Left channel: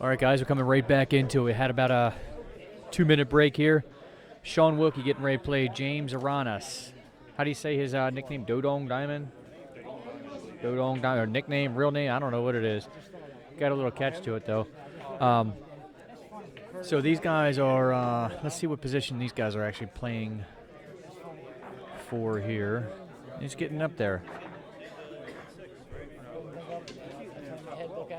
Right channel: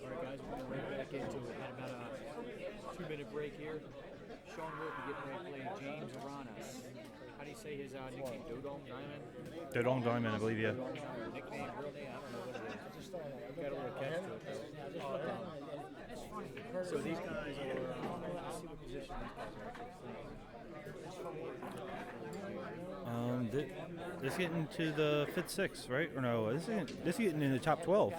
All right, guys, we're coming right back into it. Had about a 2-minute break here. Shaun Wilkie getting ready to play James Aranas. How do you say his nickname? Dodong Diamond? Dodong Diamond, I believe, yeah. Dodong Diamond, or nickname, real name, I don't know what it is. Got a little catch to it, though. So these guys are, let's see what position these guys are actually playing for here. He's getting up there. This getting to the 5th, 6th, right? Or no, this is getting in the top 12.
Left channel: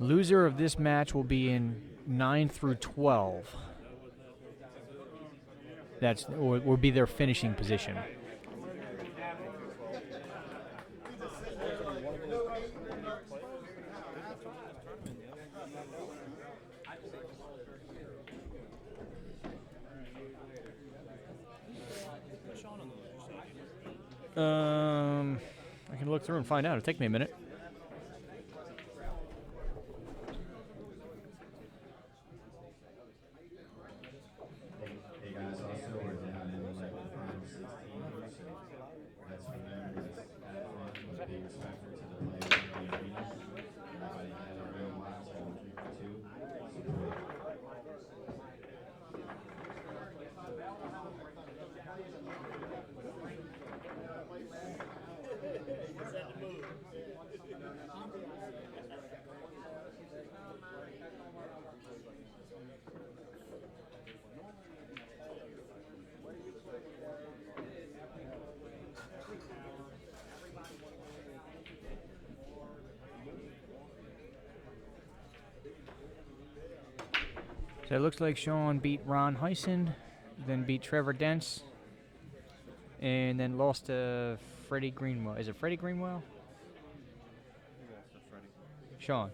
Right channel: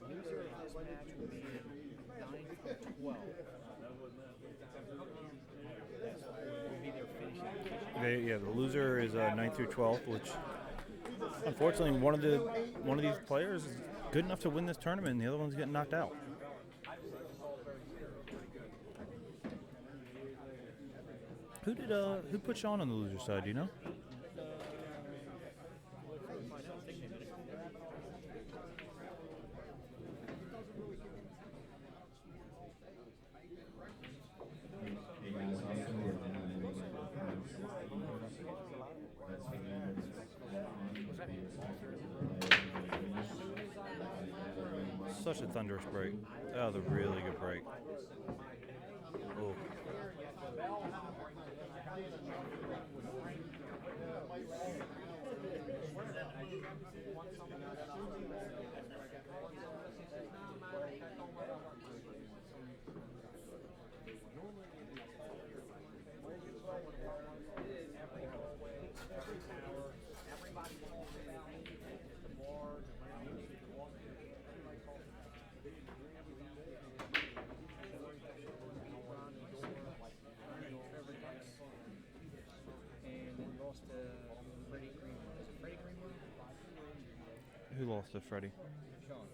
Loser of this match will be in 9 through 12. That's will be their finishing position. The loser is 9 through 12, which unfortunately one of these players is good enough to win this tournament, and the other one's getting knocked out. Who put Shaun on the loser side? Do you know? I can look through and find out. It'll take me a minute. Such a thunderous break. That was a really good break. So it looks like Shaun beat Ron Heisen, then beat Trevor Dents, and then lost to Freddie Greenwell. Is it Freddie Greenwell? Who lost to Freddie? Shaun.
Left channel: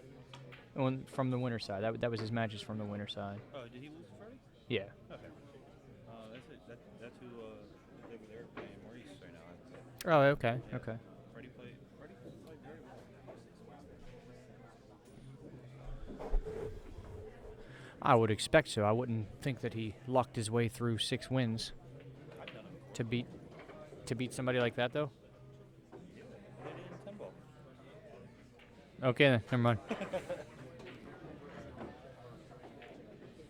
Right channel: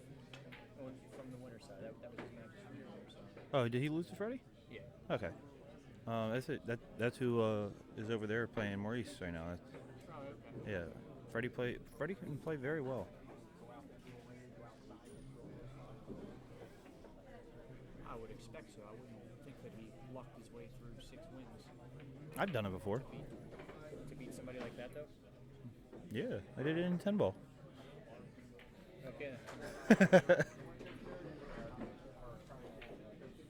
From the winner side. That was his matches from the winner side. Oh, did he lose to Freddie? Yeah. Okay. That's it. That's who is over there playing Maurice right now. Oh, okay. Yeah. Okay. Freddie can play very well. I would expect so. I wouldn't think that he lucked his way through 6 wins. I've done it before. To beat somebody like that, though? Yeah, I did it in 10 ball. Okay, then. Never mind.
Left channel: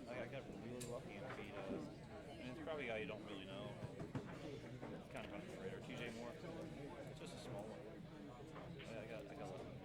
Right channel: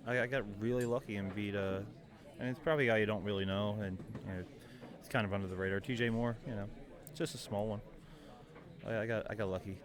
I got really lucky and beat and it's probably a guy you don't really know, and it's kind of under the radar. TJ Moore, it's just a small one. I got lucky.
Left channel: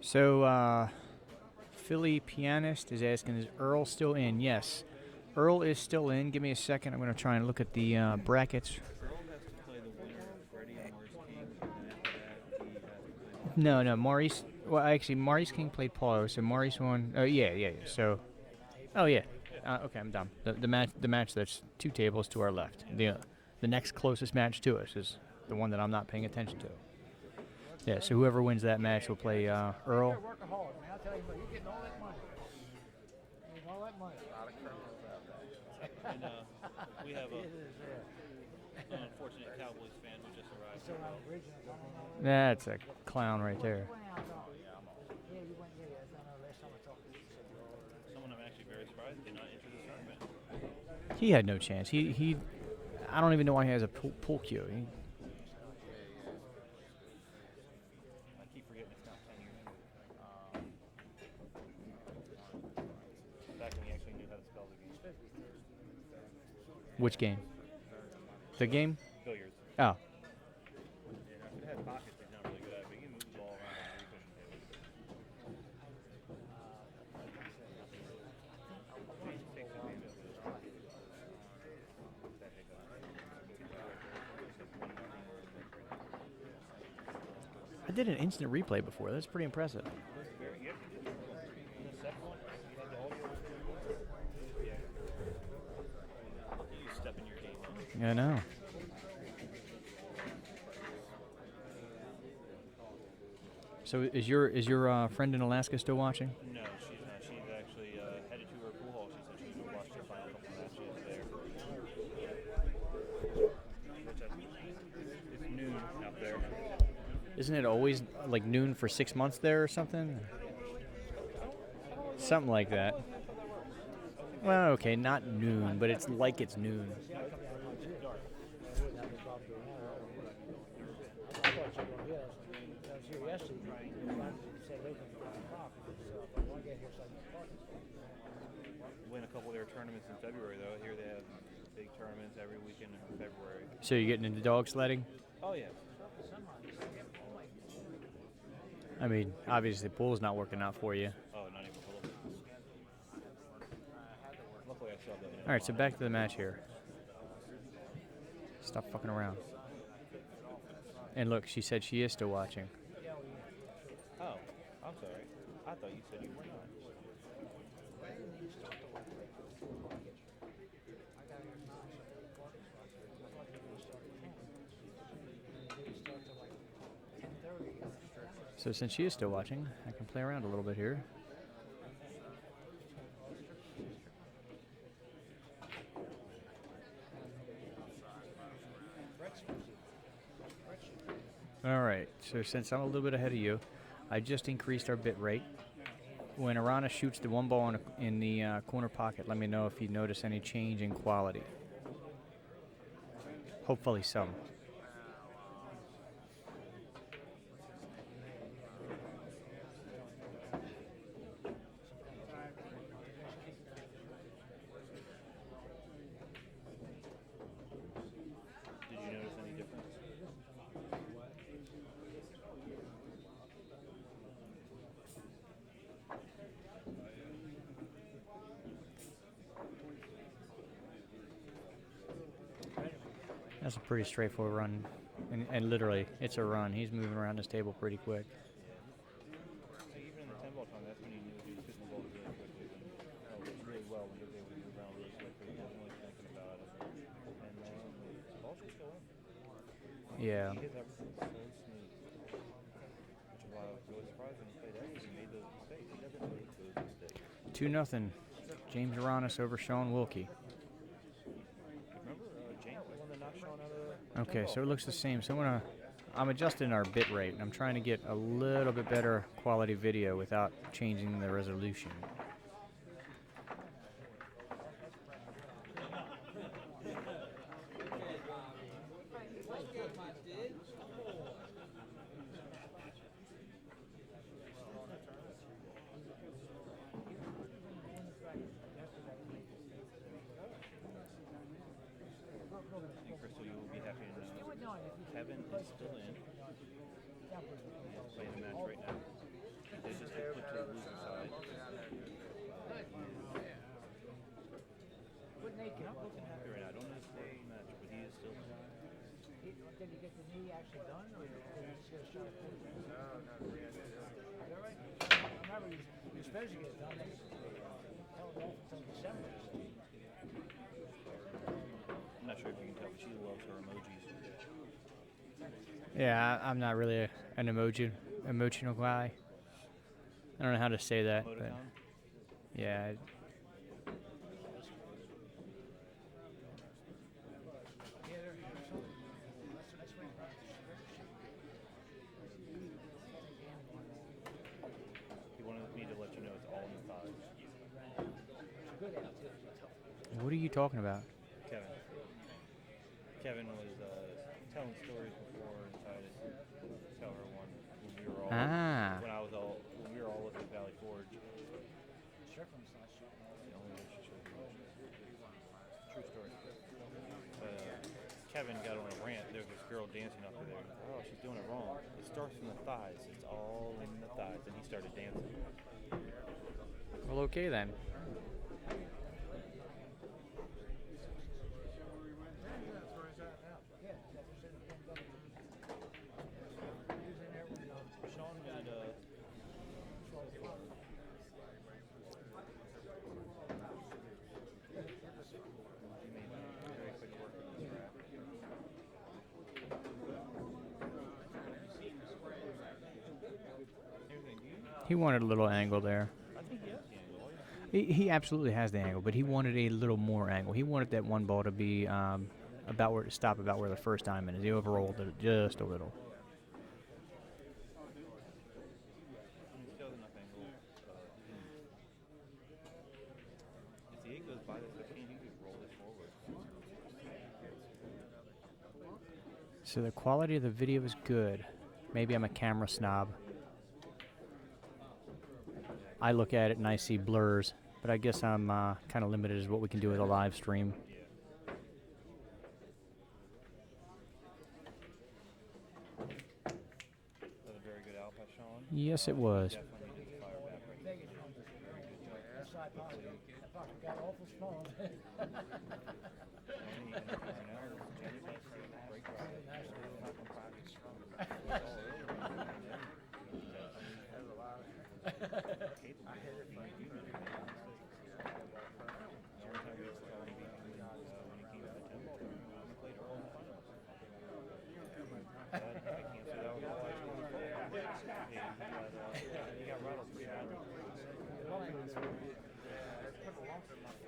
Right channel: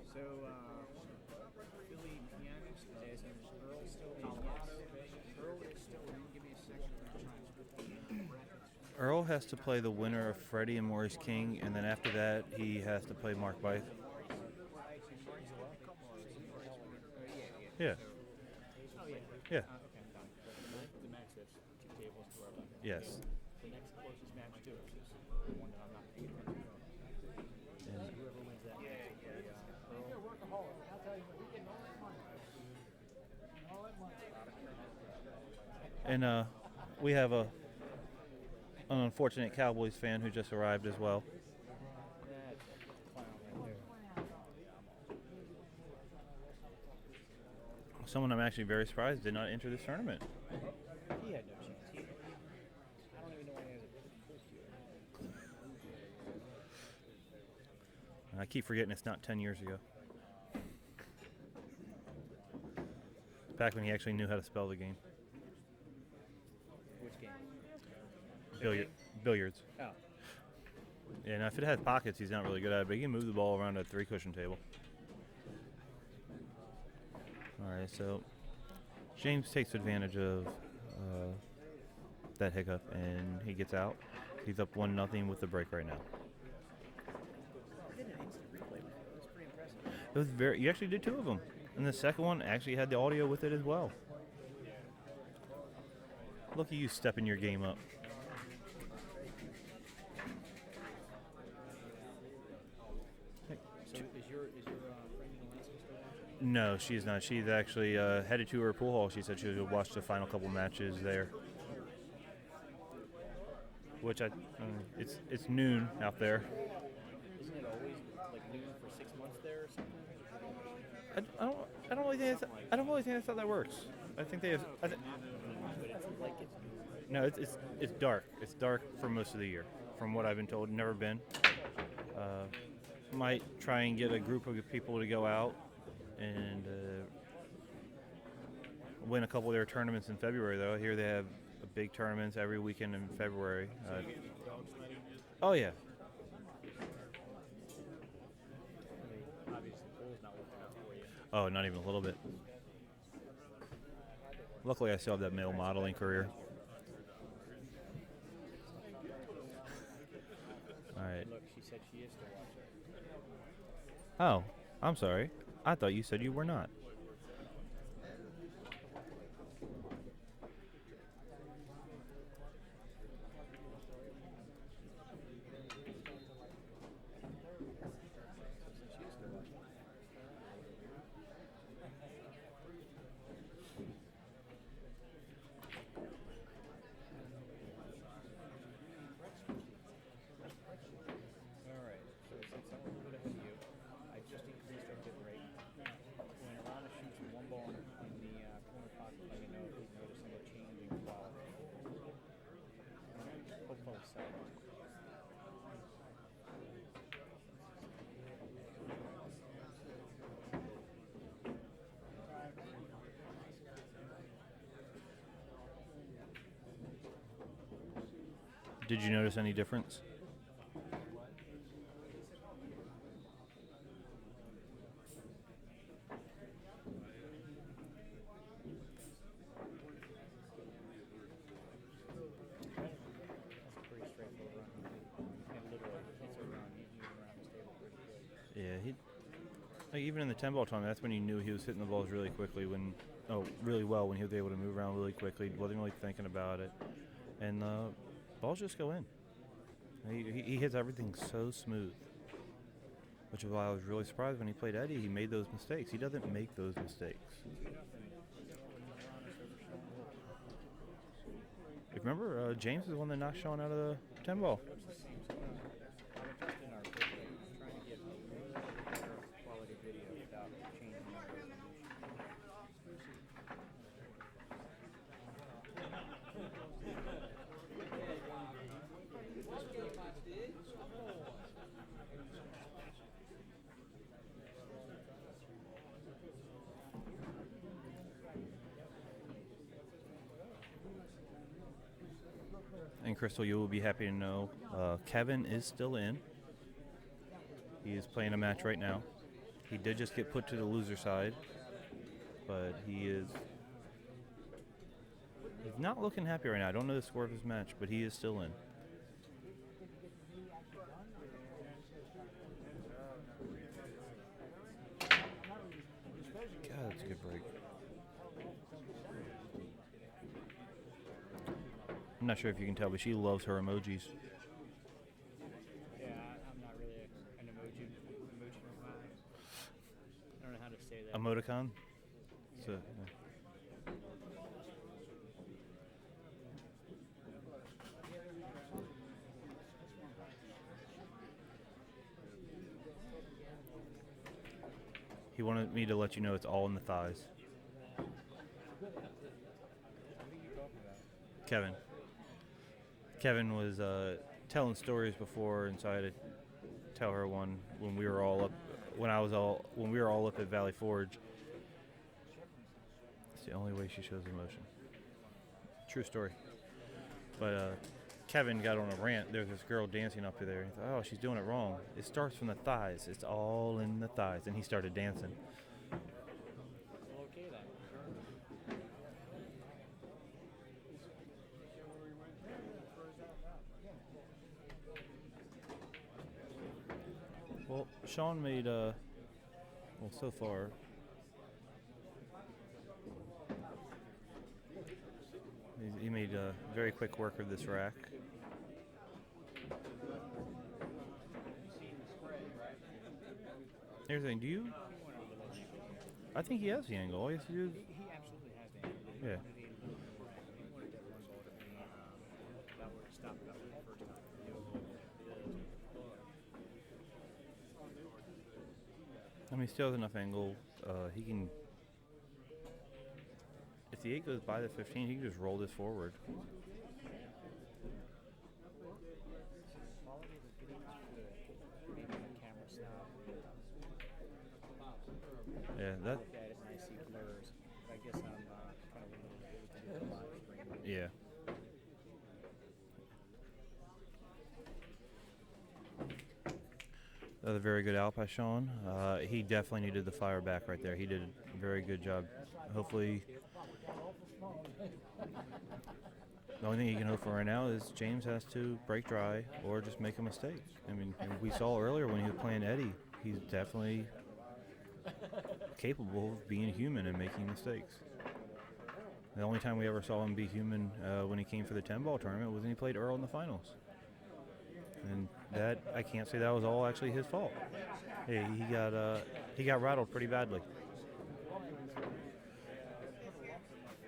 So, Philly Pianist is asking, is Earl still in? Yes. Earl is still in. Give me a second. I'm going to try and look at the brackets. Earl has to play the winner of Freddie and Maurice King, and then after that, he has to play Mark. No, Maurice. Well, actually, Maurice King played Paulo, so Maurice won. Oh, yeah. So, yeah. Okay, I'm done. The match that's 2 tables to our left. Yes. The next closest match to us is the one that I'm not paying attention to. Yeah, so whoever wins that match will play Earl. And we have an unfortunate Cowboys fan who just arrived as well. That's a clown right there. Someone I'm actually very surprised did not enter this tournament. He had no chance. He I don't even know why he has a pool cue. I keep forgetting it's not 10 years ago. Back when he actually knew how to spell the game. Which game? The game? Billiards. Oh. And if it has pockets, he's not really good at it, but he can move the ball around that 3-cushion table. All right, so James takes advantage of that hiccup, and he gets out. He's up 1-0 with the break right now. I did an instant replay before. That's pretty impressive. It was you actually did 2 of them. And the second one actually had the audio with it as well. Look at you stepping your game up. I know. So is your friend in Alaska still watching? No, she's not. She's actually headed to her pool hall. She said she would watch the final couple matches there. Which it's noon out there. Isn't it always like noon for 6 months there or something? I don't really think Something like I don't that. really think that's how that works. I think they Well, okay, not noon, but it's like it's noon. No, it's dark. It's dark for most of the year, from what I've been told. Never been. Might try and get a group of people to go out and win a couple of their tournaments in February, though. I hear they have big tournaments every weekend in February. So you're getting into dog sledding? Oh, yeah. I mean, obviously the pool's not working out for you. Oh, not even a little bit. Luckily, I still have that male All right, so modeling back to the career. match here. Stop fucking around. All right. And look, she said she is still watching. Oh, I'm sorry. I thought you said you were not. So since she is still watching, I can play around a little bit here. All right, so since I'm a little bit ahead of you, I just increased our bit rate. When Aranas shoots the one ball in the corner pocket, let me know if you notice any change in quality. Hopefully so. Did you notice any difference? That's a pretty straightforward run, and literally, it's a run. He's moving around this table pretty quick. Yeah, like even in the 10-ball tournament, that's when you knew he was hitting the balls really quickly, really well when he was able to move around really quickly, wasn't really thinking about it, and balls just go in. Yeah. He hits everything so smooth, which is why I was really surprised when he played Eddie. He made those mistakes. He doesn't make those mistakes. 2-0, James Aranas over Shaun Wilkie. Remember, James is the one that knocked Shaun out of the Okay, 10-ball. so it looks the same. So I'm adjusting our bit rate. I'm trying to get a little bit better quality video without changing the resolution. And Crystal, you will be happy to know Kevin is still in. He is playing a match right now. He did just get put to the loser side, but he's not looking happy right now. I don't know the score of his match, but he is still in. God, that's a good break. I'm not sure if you can tell, but she loves her emojis. Yeah, I'm not really an emotional guy. I don't know how to say that. but Emoticon? Yeah. He wanted me to let you know it's all in the thighs. What are you talking about? Kevin. Kevin was telling stories before, and so I had to tell her one when we were all when we were all up at Valley Forge. It's the only way she shows emotion. True story. But Kevin got on a rant. There's this girl dancing up there. He's like, oh, she's doing it wrong. It starts from the thighs. It's all in the thighs. And he started dancing. Well, okay then. Well, Shaun made, so far, he made quick work of this rack. Here's the thing, He wanted a little angle there. I think he has the angle. All he has to do He absolutely has the angle, but he wanted a little more angle. He wanted that one ball to be about where to stop about where the first diamond is. He overrolled it just a little. I mean, he still has enough angle. He can, if the 8 goes by the 15, he can just roll this forward. So the quality of the video is good. Maybe I'm a camera snob. Yeah, I look at it and I see blurs, but I guess I'm kind of limited as what we can do with a live stream. Yeah. Another very good out by Shaun. Yes, it was. He definitely needed the fire back right there. He did a very good job. Hopefully, the only thing he can hope for right now is James has to break dry or just make a mistake. I mean, we saw earlier when he was playing Eddie, he's definitely capable of being human and making mistakes. The only time we ever saw him be human when he came for the 10-ball tournament was when he played Earl in the finals. And that, I can't say that was all actually his fault. He got rattled pretty badly.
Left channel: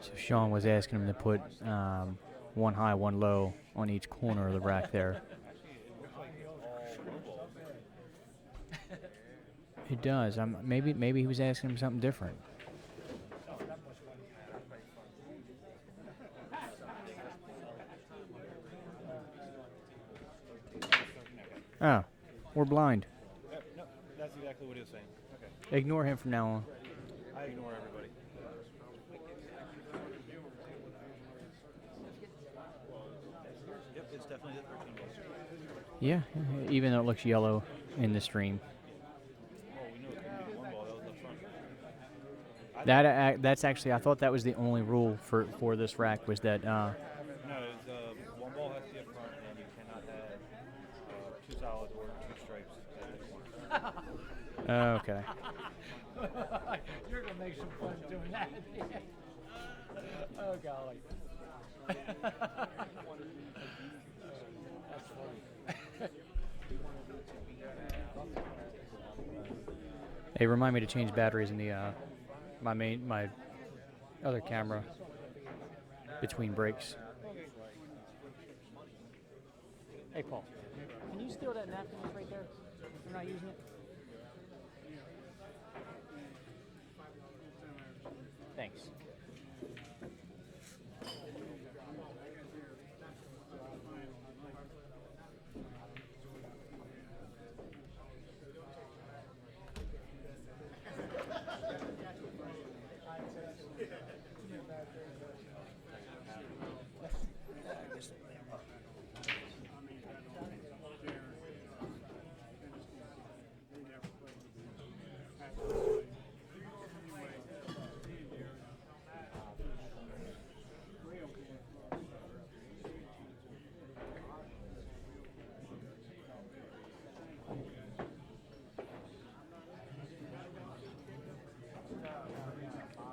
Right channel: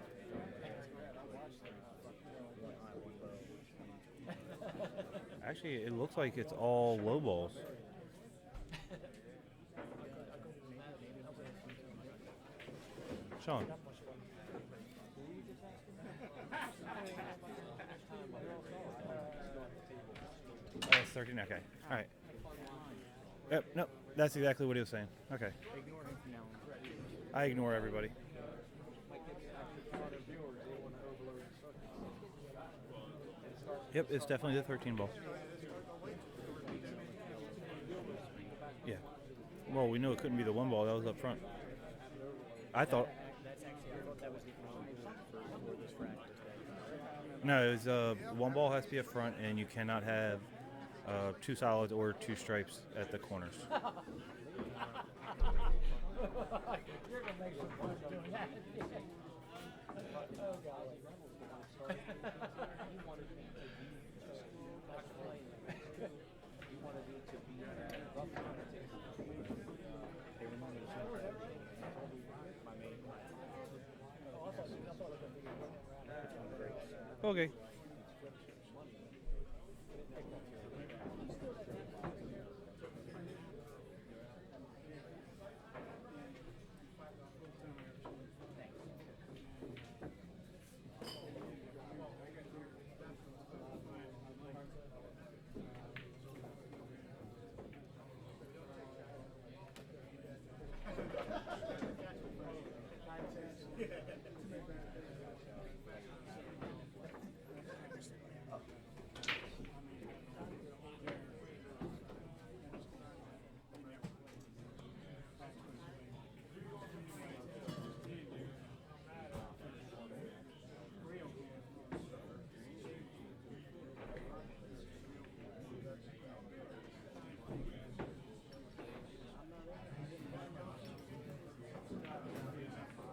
So Shaun was asking him to put one high, one low on each corner of the rack there. Actually, it looks like it's all low balls. It does. Maybe he was asking him something different. Shaun. That's 13, okay. Ah, we're blind. Yep, no, that's exactly what he was saying. Okay. Ignore him from now on. I ignore everybody. Yep, it's definitely the 13 ball. Yeah, even though it looks yellow in the stream. Yeah. Well, we know it couldn't be the 1 ball. That was up front. That's actually, I thought that was the only rule for this rack was that. No, it was 1 ball has to be up front, and you cannot have 2 solids or 2 stripes at the corners. Okay. You're gonna make some fun doing that. Oh golly. Hey, remind me to change batteries in the my other camera between breaks. Okay. Hey, Paul. Can you steal that napkin that's right there? You're not using it? Thanks.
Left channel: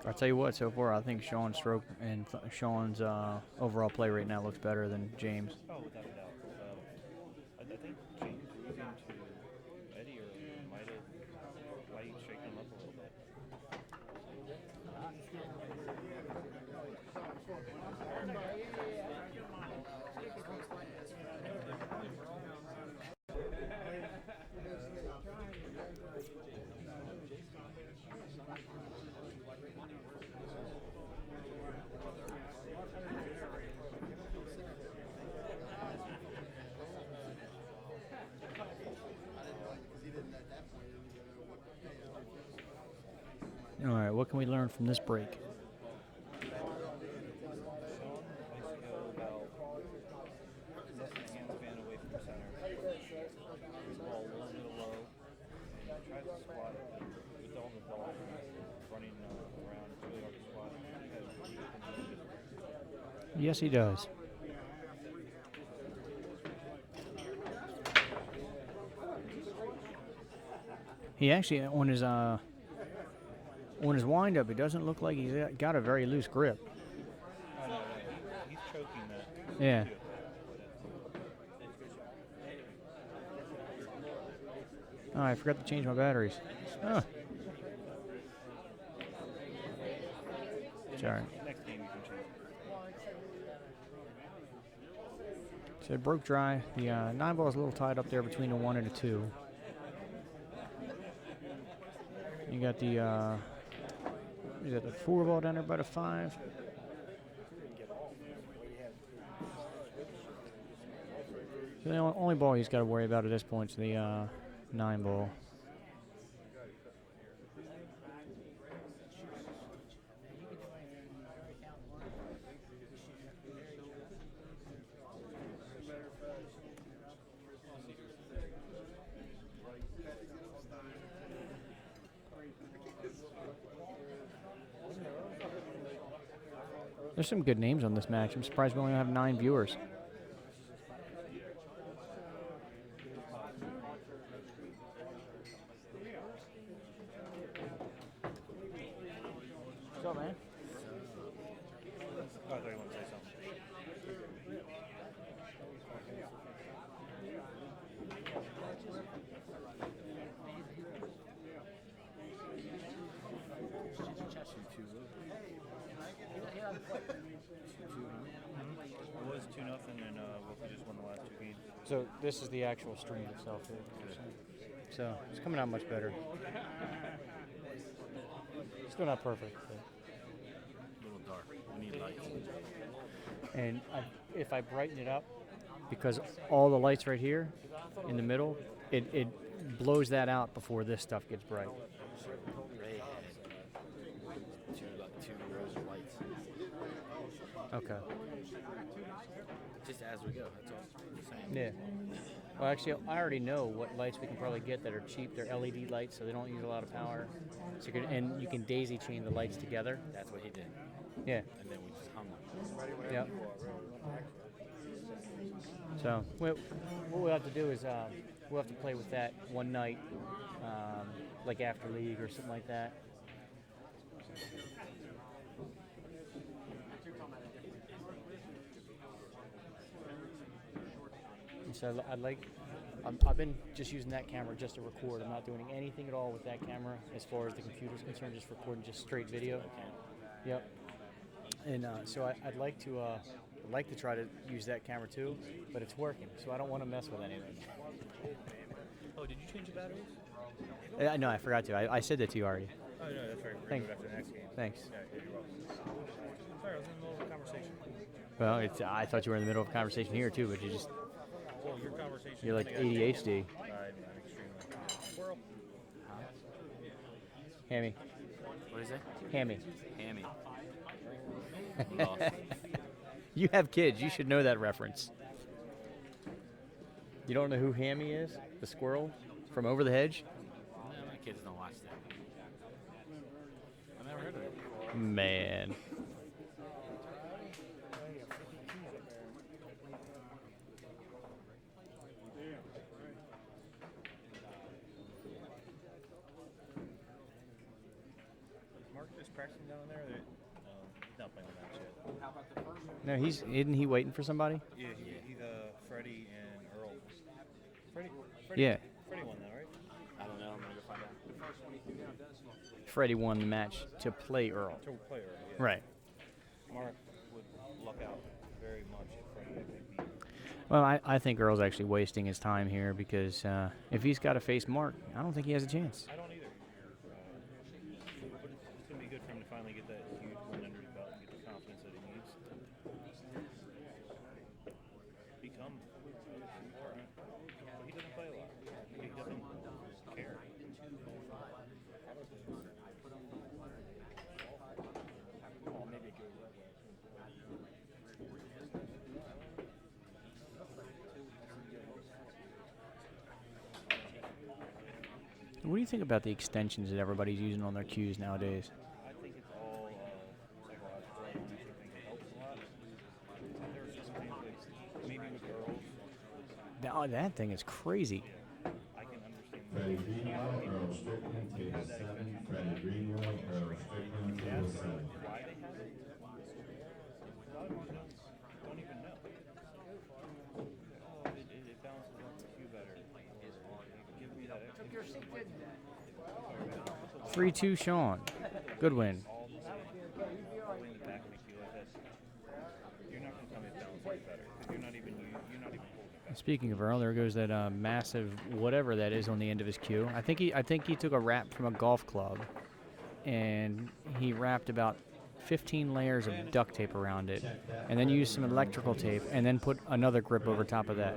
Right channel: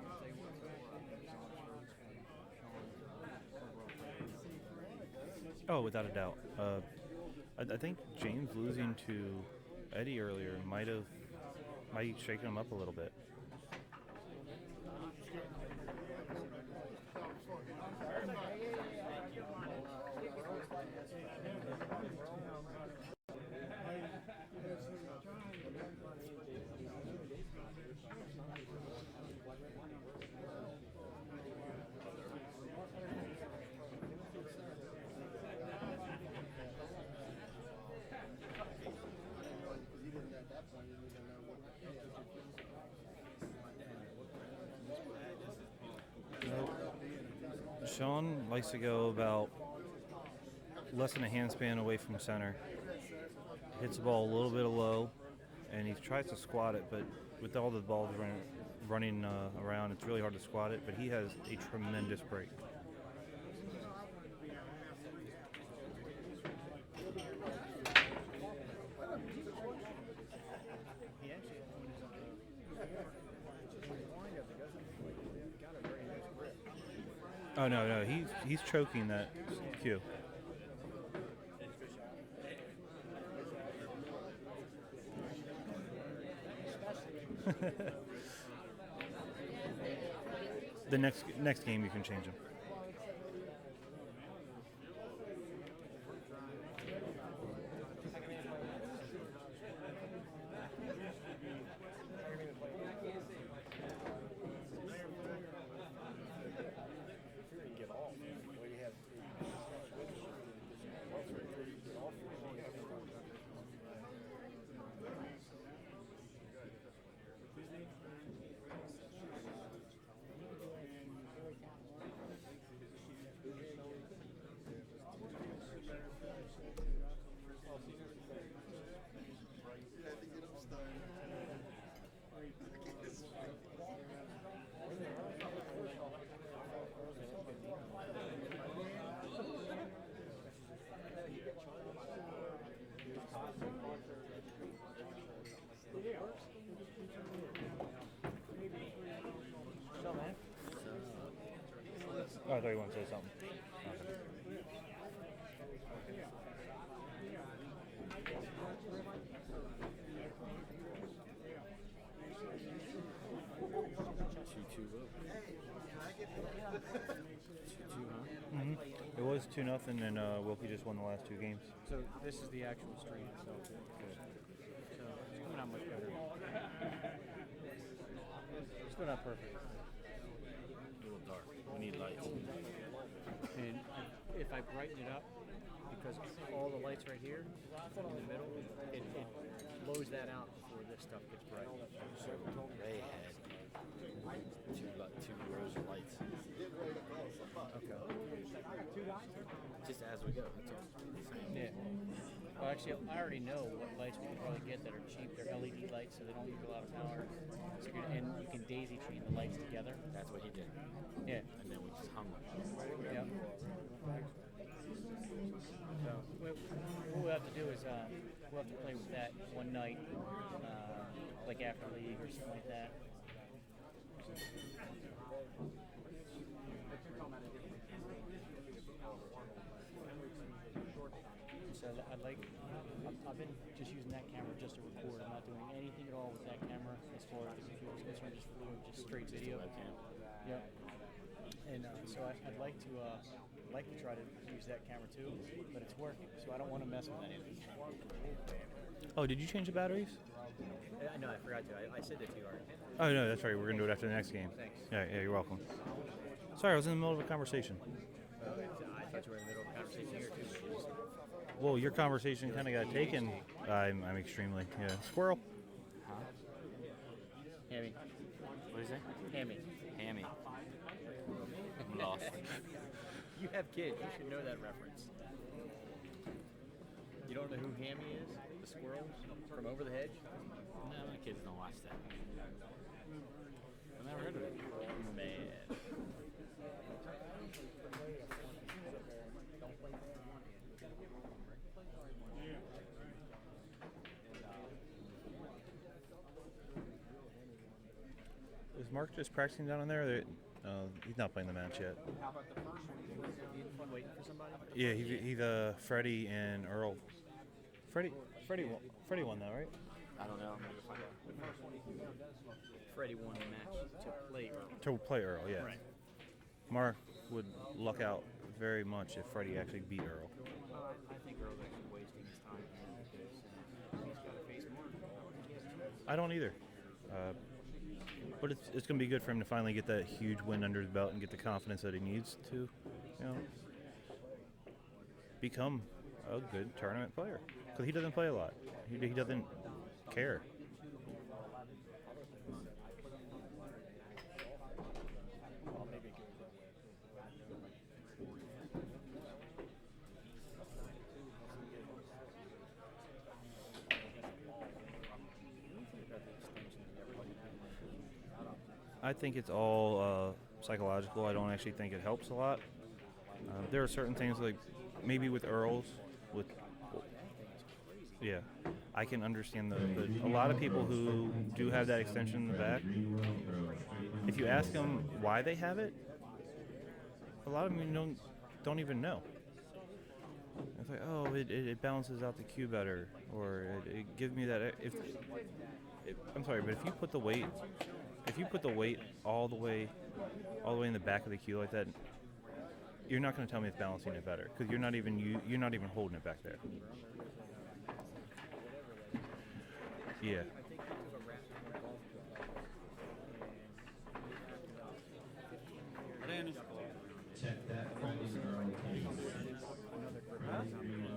I'll tell you what, so far I think Shaun's stroke and Shaun's overall play right now looks better than James. Oh, without a doubt. I think James losing to Eddie earlier might shake him up a little bit. All right, what can we learn from this break? Shaun likes to go about less than a handspan away from center. Hits the ball a little bit low, and he tries to squat it, but with all the balls running around, it's really hard to squat it, but he has a tremendous break. Yes, he does. He actually, on his windup, it doesn't look like he's got a very loose grip. Oh no, he's choking that Yeah. cue. Oh, I forgot to change my batteries. Oh. The Sorry. next game you can change them. So it broke dry. The 9-ball is a little tied up there between the 1 and the 2. You got the is that the 4-ball down there by the 5? So the only ball he's got to worry about at this point is the 9-ball. There's some good names on this match. I'm surprised we only have 9 viewers. What's up, man? Oh, I thought you wanted to say something. It was 2-0, and Wilkie just won the last 2 games. So this is the actual stream itself. So it's coming out much better. Still not perfect. A little dark. We need lights. And if I brighten it up, because all the lights right here in the middle, it blows that out before this stuff gets bright. So Ray had two rows of lights. Okay. Just as we go. That's all. Yeah. Well, actually, I already know what lights we can probably get that are cheap. They're LED lights, so they don't use a lot of power. So you can daisy chain the lights together. That's what he did. Yeah. And then we just hung them. Yep. So what we'll have to do is we'll have to play with that one night, like after league or something like that. So I've been just using that camera just to record. I'm not doing anything at all with that camera as far as the computer's concerned. Just recording just straight video. Yep. And so I'd like to try to use that camera too, but it's working, so I don't want to mess with anything. Oh, did you change the batteries? No, I forgot to. I said that to you already. Oh no, that's right. We're gonna do it Thanks. after the next game. Thanks. Yeah, you're welcome. Sorry, I was in the middle of a conversation. Well, I thought you were in the middle of a conversation here too, but you just Well, your conversation You're like kinda got taken. ADHD. I'm extremely, yeah. Squirrel. Huh? Hammy. What is that? Hammy. Hammy. I'm lost. You have kids. You should know that reference. You don't know who Hammy is? The squirrel from Over the Hedge? No, my kids don't watch that. I never heard of it. Man. Is Mark just practicing down in there? He's not playing the match yet. No, isn't he waiting for somebody? Yeah, he's Freddie and Earl. Freddie. Yeah. Freddie won though, right? I don't know. I'm gonna go find out. Freddie won the match to play Earl. To play Earl, yeah. Right. Mark would luck out very much if Freddie actually beat Earl. Well, I think Earl's actually wasting his time here because if he's got to face Mark, I don't think he has a chance. I don't either. But it's going to be good for him to finally get that huge win under his belt and get the confidence that he needs to, become a good tournament player. Because he doesn't play a lot. He doesn't care. What do you think about the extensions that everybody's using on their cues nowadays? I think it's all psychological. I don't actually think it helps a lot. There are certain things like maybe with Earls, That thing is crazy. yeah, I can understand a lot of people who do have that extension in the back. If you ask them why they have it, a lot of them don't even know. It's like, oh, it balances out the cue better, or it gives me that. I'm sorry, but if you put the weight 3-2 Shaun. if you put the Good weight win. all the way in the back of the cue like that, you're not going to tell me it's balancing it better because you're not even holding it back. Speaking of Earl, there goes that massive whatever that is on the end of his cue. I think he took a wrap from a golf club, and he wrapped about 15 layers of duct tape around it, and then used some electrical tape, and then put another grip over top of that.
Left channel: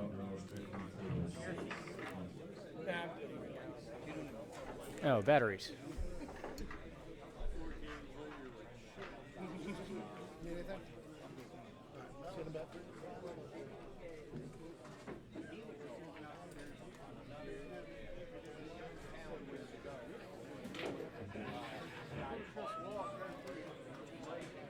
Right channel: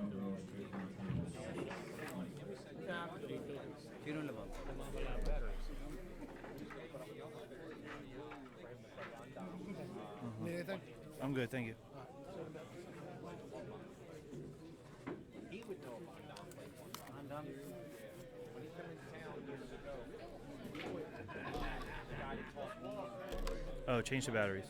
Oh, batteries. Need anything? I'm good, thank you. Oh, change the batteries.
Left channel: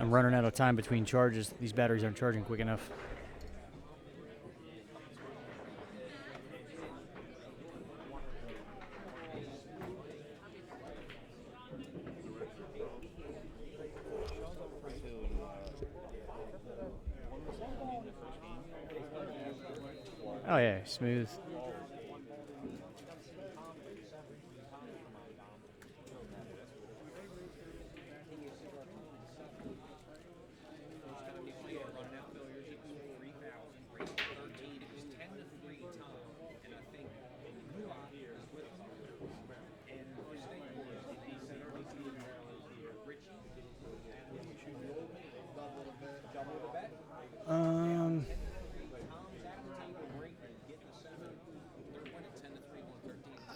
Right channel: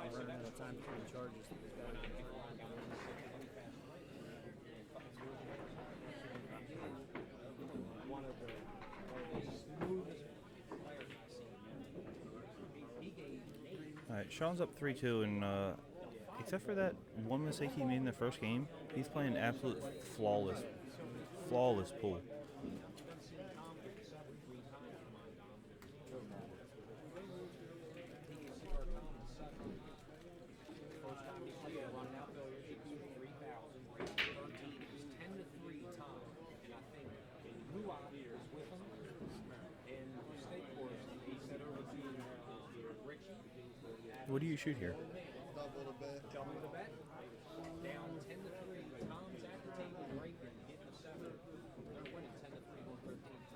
I'm running out of time between charges. These batteries aren't charging quick enough. All right, Shaun's up 3-2, and except for that one mistake he made in the first game, he's playing absolute flawless. Oh yeah, smooth. Flawless pool. What do you shoot here?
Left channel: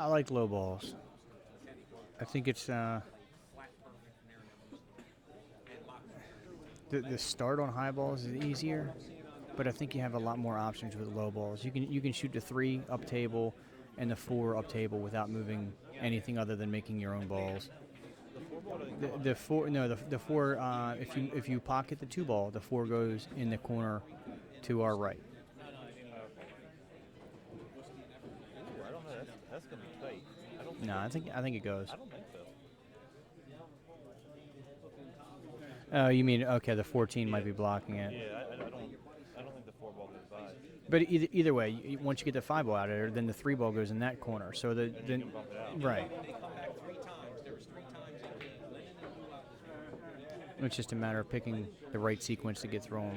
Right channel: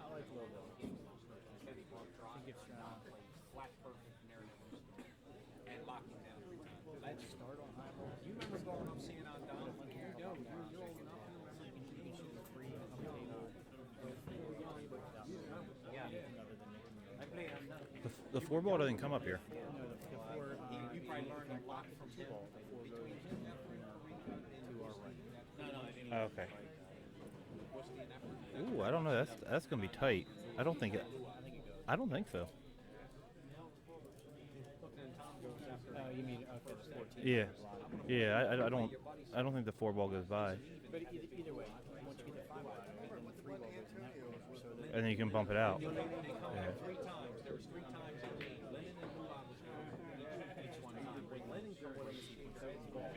I like low balls. I think it's the start on high balls is easier, but I think you have a lot more options with low balls. You can shoot the 3 up table and the 4 up table without moving anything other than making your own balls. The 4 ball doesn't come up The here. 4 no the 4 if you pocket the 2 ball, the 4 goes in the corner to our right. Okay. Ooh, I don't know. That's gonna be tight. I don't think. No, I think it goes. I don't think so. Oh, you mean okay? The 14 might be blocking it. Yeah, I don't think the 4 ball goes by. But either way, once you get the 5 ball out of there, then the 3 ball goes in that corner. So And then you can bump it out. Right. It's just a matter of picking the right sequence to get through them.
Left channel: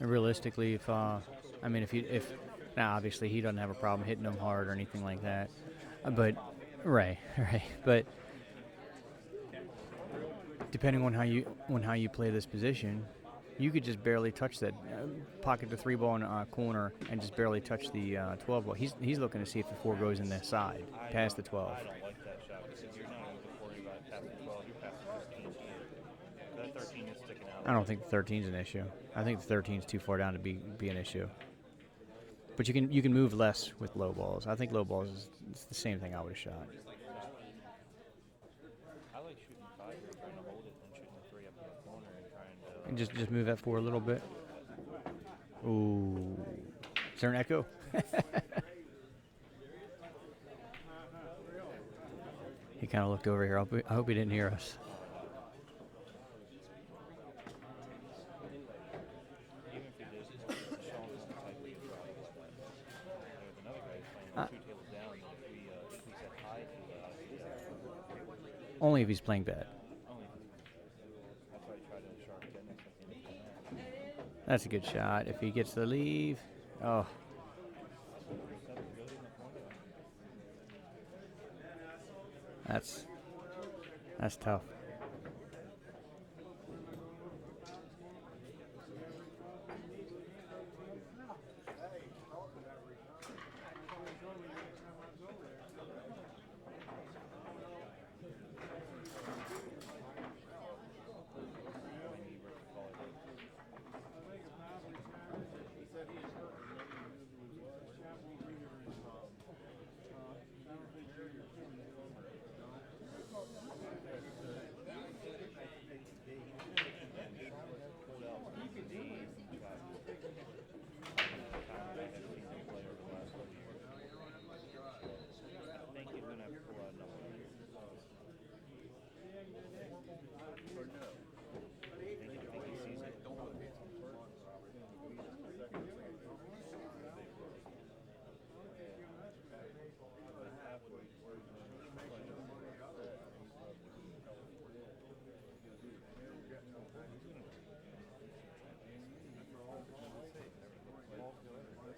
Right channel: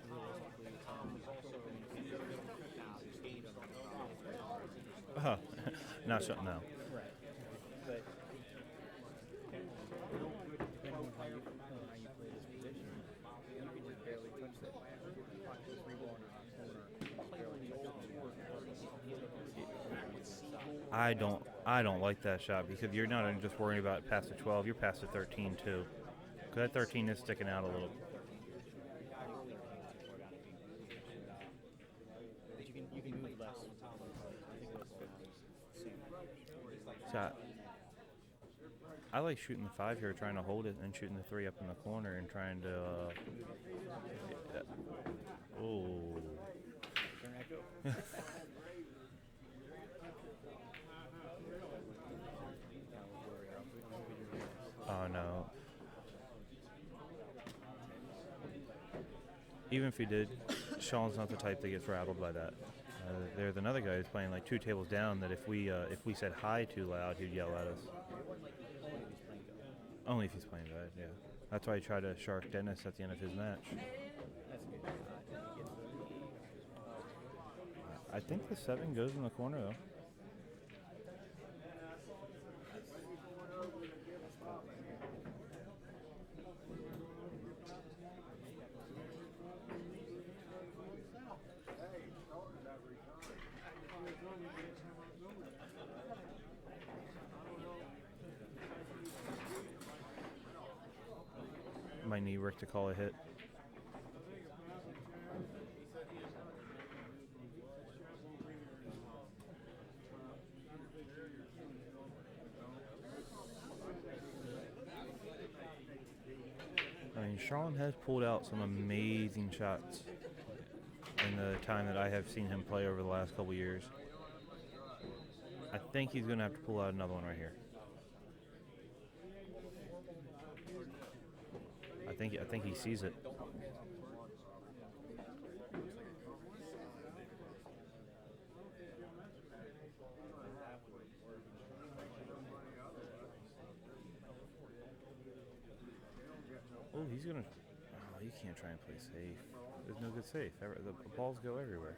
And realistically, if now obviously he doesn't have a problem hitting them hard or anything like that. No, But no. right. But depending on how you play this position, you could just barely touch that, pocket the 3 ball in a corner and just barely touch the 12 ball. He's looking to see if the 4 goes in the side past the 12. I don't like that shot because you're not even just worrying about past the 12. You're past the 13 too. 'Cause that 13 is sticking out. I don't think the 13 is an issue. I think the 13 is too far down to be an issue. But you can move less with low balls. I think low balls is it's the same thing I would have shot. So I like shooting the 5 here, trying to hold it, and shooting the 3 up in the corner and trying to. And just move that 4 a little bit. Ooh. Is there an echo? He kind of looked over here. I hope he didn't hear us. Oh no. Even if he did, Shaun's not the type that gets rattled by that. There's another guy who's playing like 2 tables down that if we said hi too loud, he'd yell at us. Only if he's playing bad. Only if he's playing bad, yeah. That's why he tried to shark Dennis at the end of his match. That's a good shot. If he gets the leave, oh, I think the 7 goes in the corner though. that's tough. to call a hit. I mean, Shaun has pulled out some amazing shots in the time that I have seen him play over the last couple years. I think he's going to have to pull out another one right here. I think he sees it. Oh, he's going to... Oh, he can't try and play safe. There's no good safe. The balls go everywhere.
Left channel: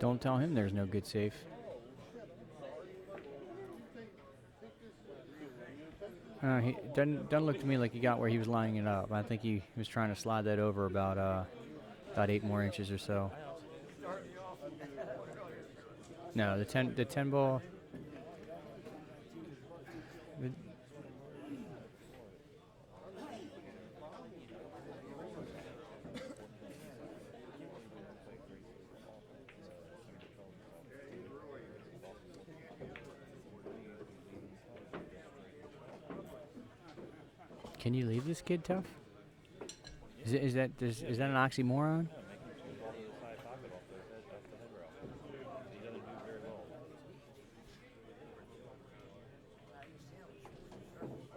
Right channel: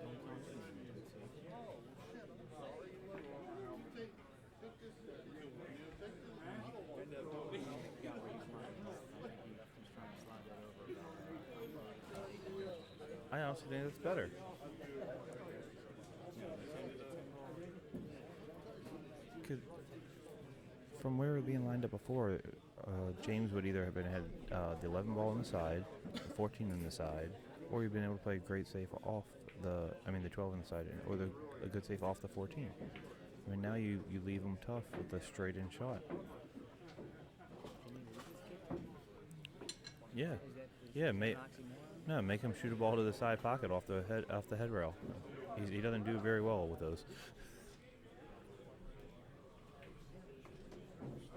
Don't tell him there's no good safe. He doesn't look to me like he got where he was lining it up. I think he was trying to slide that over about 8 more inches or so. I honestly think that's better. No, the 10 ball. From where it was being lined up before, James would either have been had the 11 ball on the side, the 14 on the side, or you've been able to play a great safe off the 12 on the side, or a good safe off the 14. I mean, now you leave them tough with a straight-in shot. Can you leave this kid tough? Yeah. Is that an oxymoron? No, make him shoot a ball to the side pocket off the head rail. He doesn't do very well with those.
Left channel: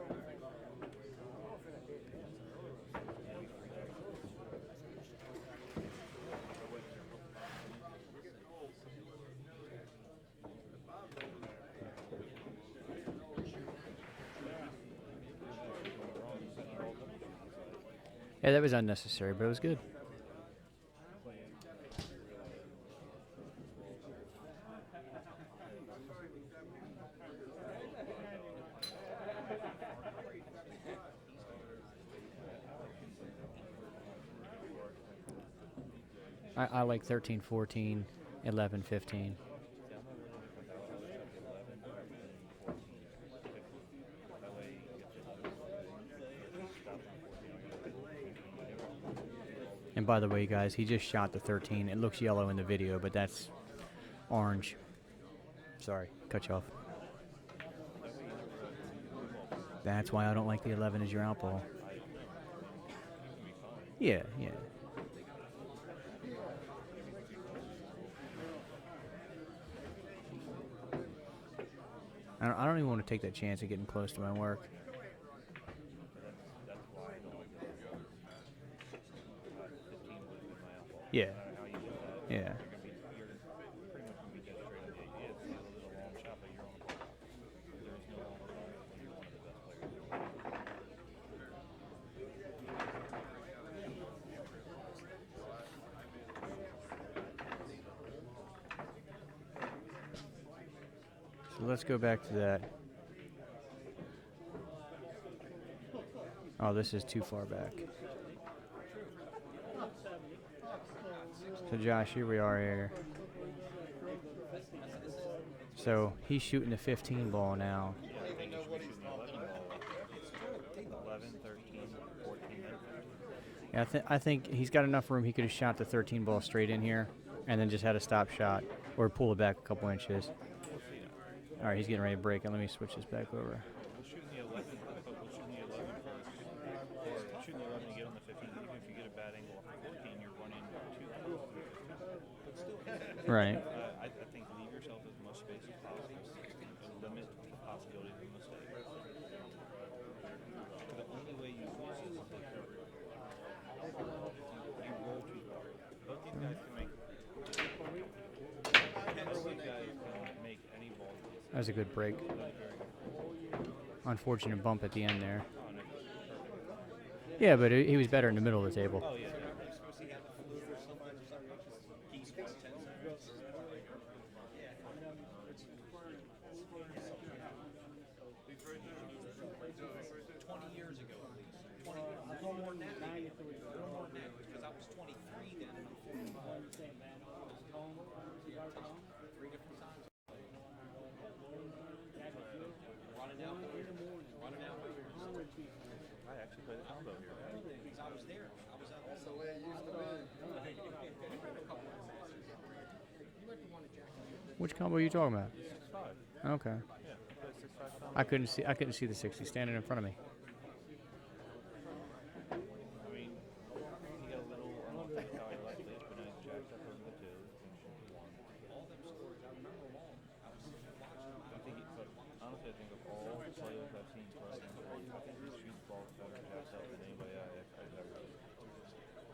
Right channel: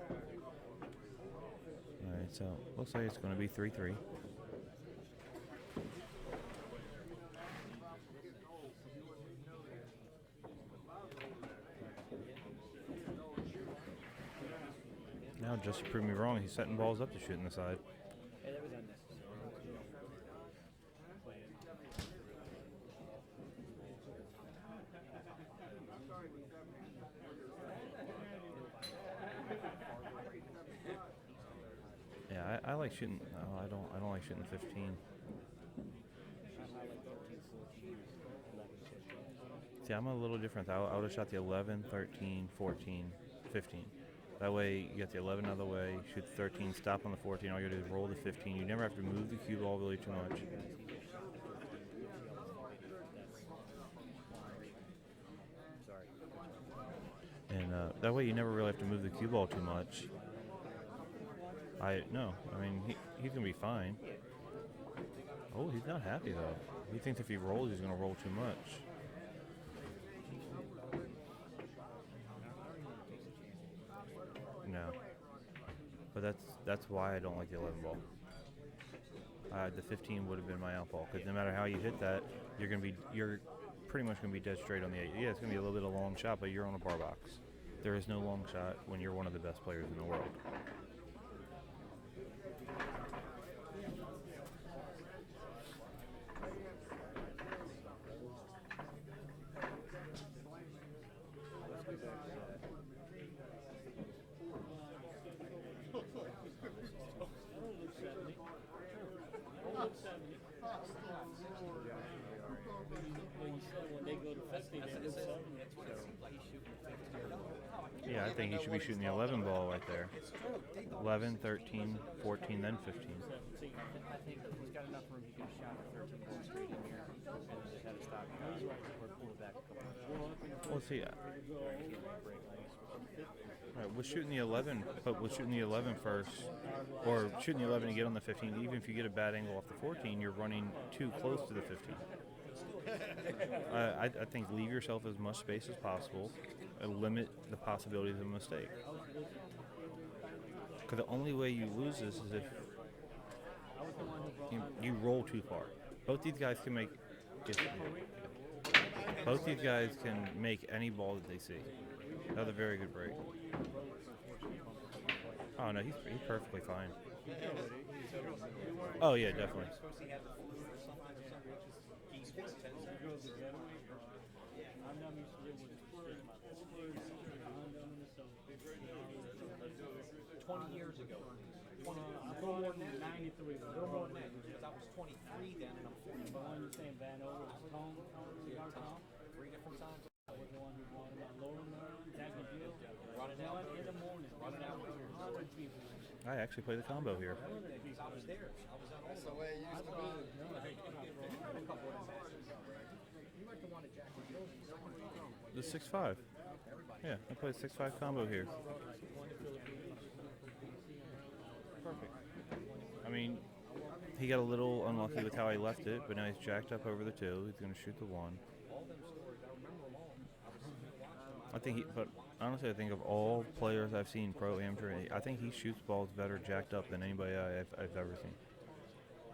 All right, so we'll say it's going to be 3-3. Now, just to prove me wrong, he's setting balls up to shoot in the side. Yeah, that was unnecessary, but it was good. Yeah, I like shooting. No, I don't like shooting 15. I like 13, 14, 11, 15. See, I'm a little different. I would have shot the 11, 13, 14, 15. That way, you get the 11 out of the way, shoot the 13, stop on the 14, all you do is roll the 15. You never have to move the cue ball really. And by the way, guys, he just shot the 13. It looks yellow in the video, but that's orange. Sorry, cut you off. And that way, you never really have to move the cue ball too much. That's why I don't like the 11 as your out ball. No, I mean, he's going to be fine. Yeah. Oh, he's not happy, though. He thinks if he rolls, he's going to roll too much. I don't even want to take that chance of getting close to my work. No. But that's why I don't like the 11 ball. The 15 would have been my out ball. Yeah. No matter how you hit that, Yeah. you're pretty much going to be dead straight on the 8. Yeah, it's going to be a little bit of a long shot, but you're on a bar box. There is no long shot when you're one of the best players in the world. So let's go back to that. Oh, this is too far back. So Josh, here we are here. So he's shooting the 15 ball now. Yeah, I think he should be shooting the 11 ball right there. 11, 13, 14, then 15. Yeah, I think he's got enough room. He could have shot the 13 ball straight in here and then just had a stop shot or pull it back a couple inches. We'll see. All right, he's getting ready to break it. Let me switch this back over. We're shooting the 11, but we're shooting the 11 first, or shooting the 11 to get on the 15. Even if you get a bad angle off the 14, you're running too close to the 15. Right. I think leave yourself as much space as possible and limit the possibilities of a mistake. Because the only way you lose this is if you roll too far. Both these guys can make any ball that they see. That was a good break. That was a very good break. Unfortunate bump at the end there. Oh, no, he's perfectly fine. Yeah, but he was better in the middle of the table. Oh, yeah, definitely. I actually play the combo here. Which combo are you talking about? The 6-5. Okay. Yeah, he plays 6-5 combo. I couldn't see the 60 standing in front of me. I mean, he got a little unlucky with how he left it, but now he's jacked up over the 2. He's going to shoot the 1. But honestly, I think of all players I've seen pro amateur, I think he shoots balls better jacked up than anybody I've ever seen.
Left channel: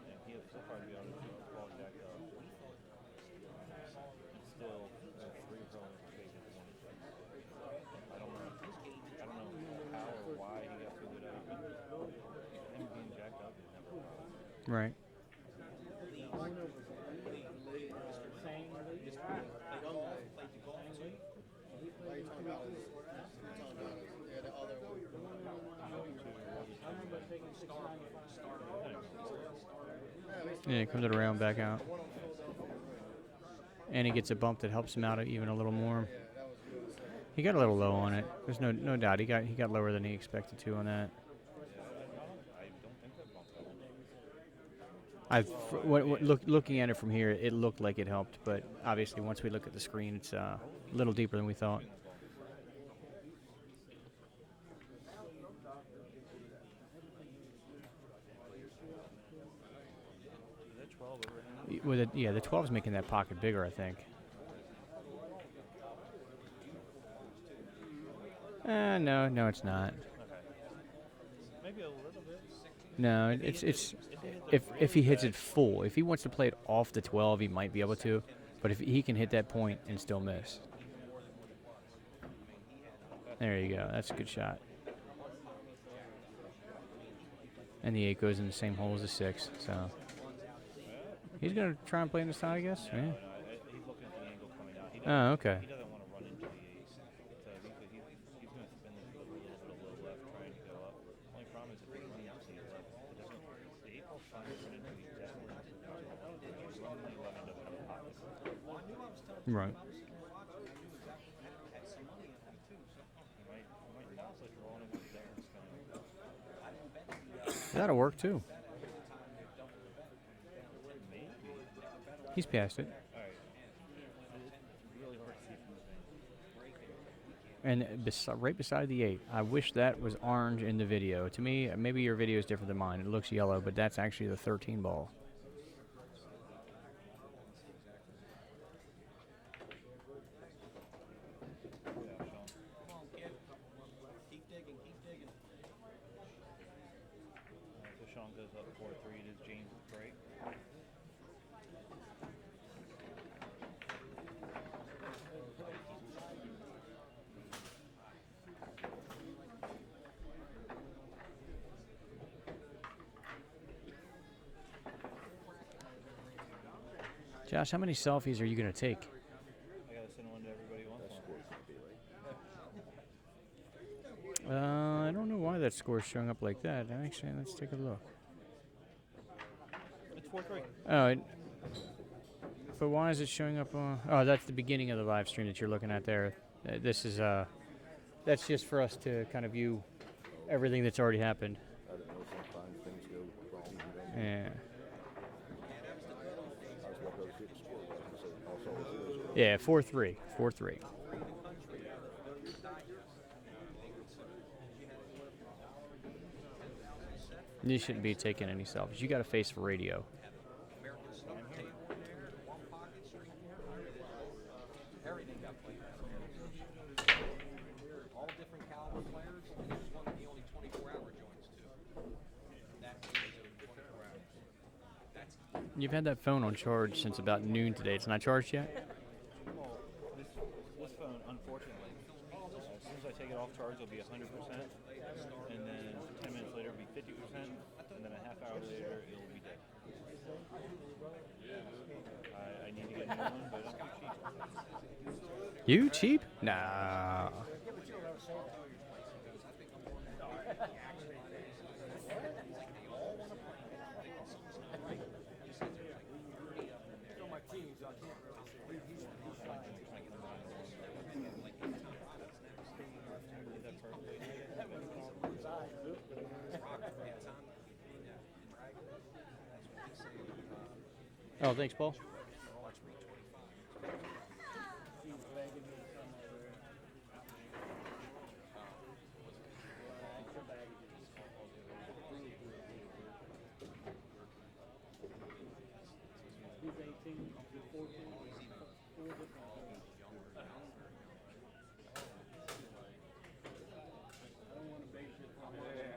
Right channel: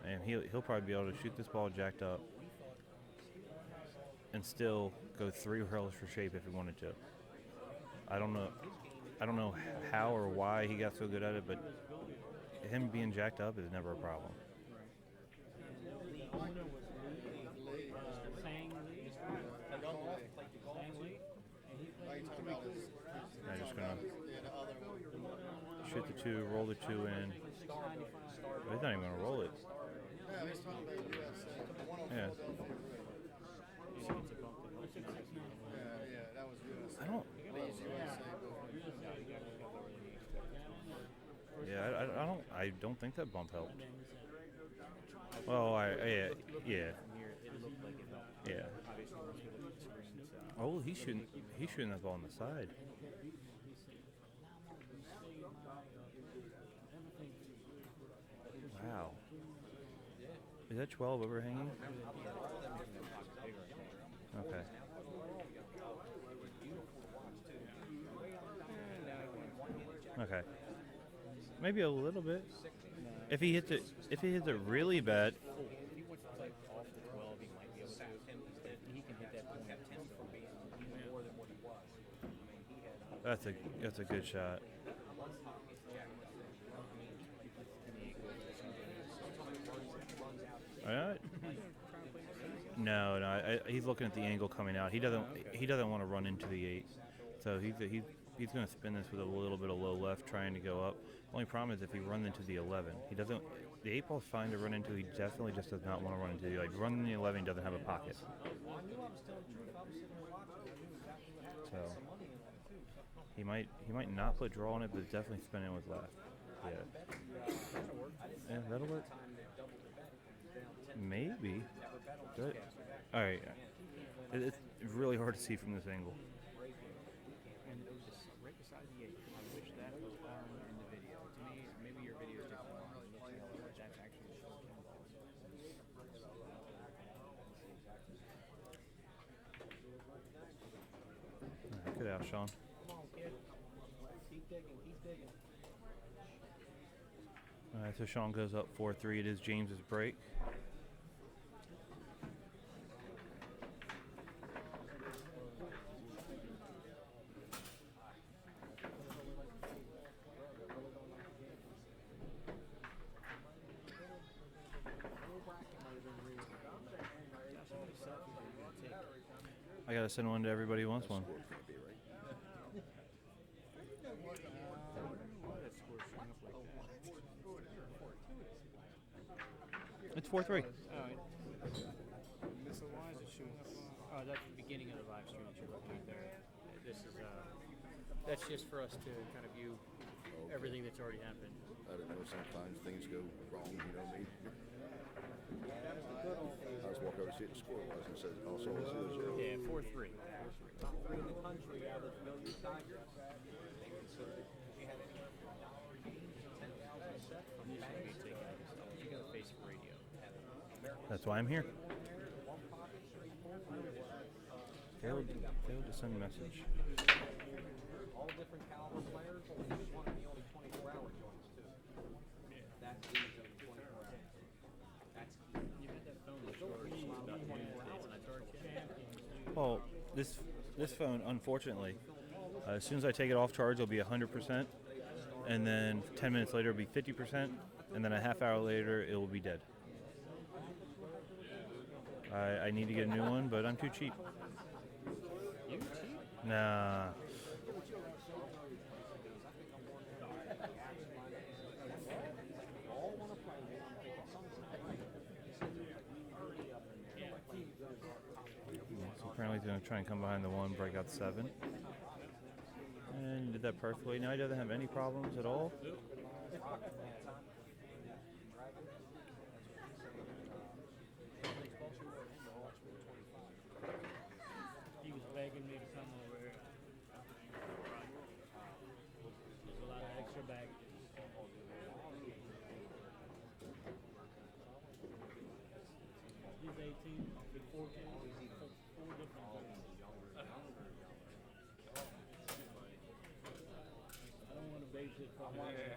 And he'll probably be able to shoot this ball jacked up and still go 3 rails for shape if he wanted to. I don't know how or why he got so good at it, but him being jacked up is never a problem. Right. I'm just gonna shoot the 2, roll the 2 in. He's not even gonna roll it. Yeah, he comes it around back out. Yeah. And he gets a bump that helps him out even a little more. He got a little low on it. There's no doubt. He got lower than he expected to on that. Yeah, I don't think that bump helped. Looking at it from here, it looked like it helped, but obviously once we look at the screen, it's a little deeper than we thought. He's shooting that ball on the side. Wow. Is that 12 overhanging? Yeah, the 12's making that pocket bigger, I think. Okay. No, it's not. Okay. Maybe a little bit. No, if he hits it full, if he wants to play it off the 12, he might be able to. But if he can hit that point and still miss. There you go. That's a good shot. And the 8 goes in the same hole as the 6. So he's gonna try and play in the style, I guess. No, he's looking at the angle coming out. He doesn't. Okay. He doesn't want to run into the 8. So he's gonna spin this with a little bit of low left, trying to go up. Only problem is if he runs into the 11, he doesn't. The 8 ball's fine to run into. He definitely just does not want to run into the running the 11. He doesn't have a pocket. Right. So he might not put draw on it, but definitely spin in with left. Yeah. That'll work too. Yeah, that'll work. Maybe. He's past it. All right. It's really hard to see from this angle. And right beside the 8. I wish that was orange in the video. To me, maybe your video is different than mine. It looks yellow, but that's actually the 13 ball. Get out, Shaun. All right, so Shaun goes up 4-3. It is James's break. Josh, how many selfies are you going to take? I got to send one to everybody who wants one. I don't know why that score's showing up like that. Actually, let's take a look. It's 4-3. Oh, but why is it showing up? Oh, that's the beginning of the live stream that you're looking at there. This is that's just for us to kind of view everything that's already happened. I don't know. Sometimes things go wrong. You know what I mean? Yeah. I just walked over to see what the score was and said, "Oh, so it was 0-0." Yeah, 4-3. 4-3. You shouldn't be taking any selfies. You got a face for radio. That's why I'm here. Send a message. All different caliber players. Each one of the only 24-hour joints too. That means only 24 hours. You've had that phone on charge since about noon today. It's not charged yet? Well, this phone, unfortunately, as soon as I take it off charge, it'll be 100%, and then 10 minutes later, it'll be 50%, and then a half hour later, it will be dead. I need to get a new one, but I'm too cheap. You cheap? Nah. Apparently he's going to try and come behind the 1, break out 7. And did that perfectly. Now he doesn't have any problems at all. Oh, thanks, Paul. He's begging me to come over here. A lot of extra baggage. He's 18. I don't want to babysit from here.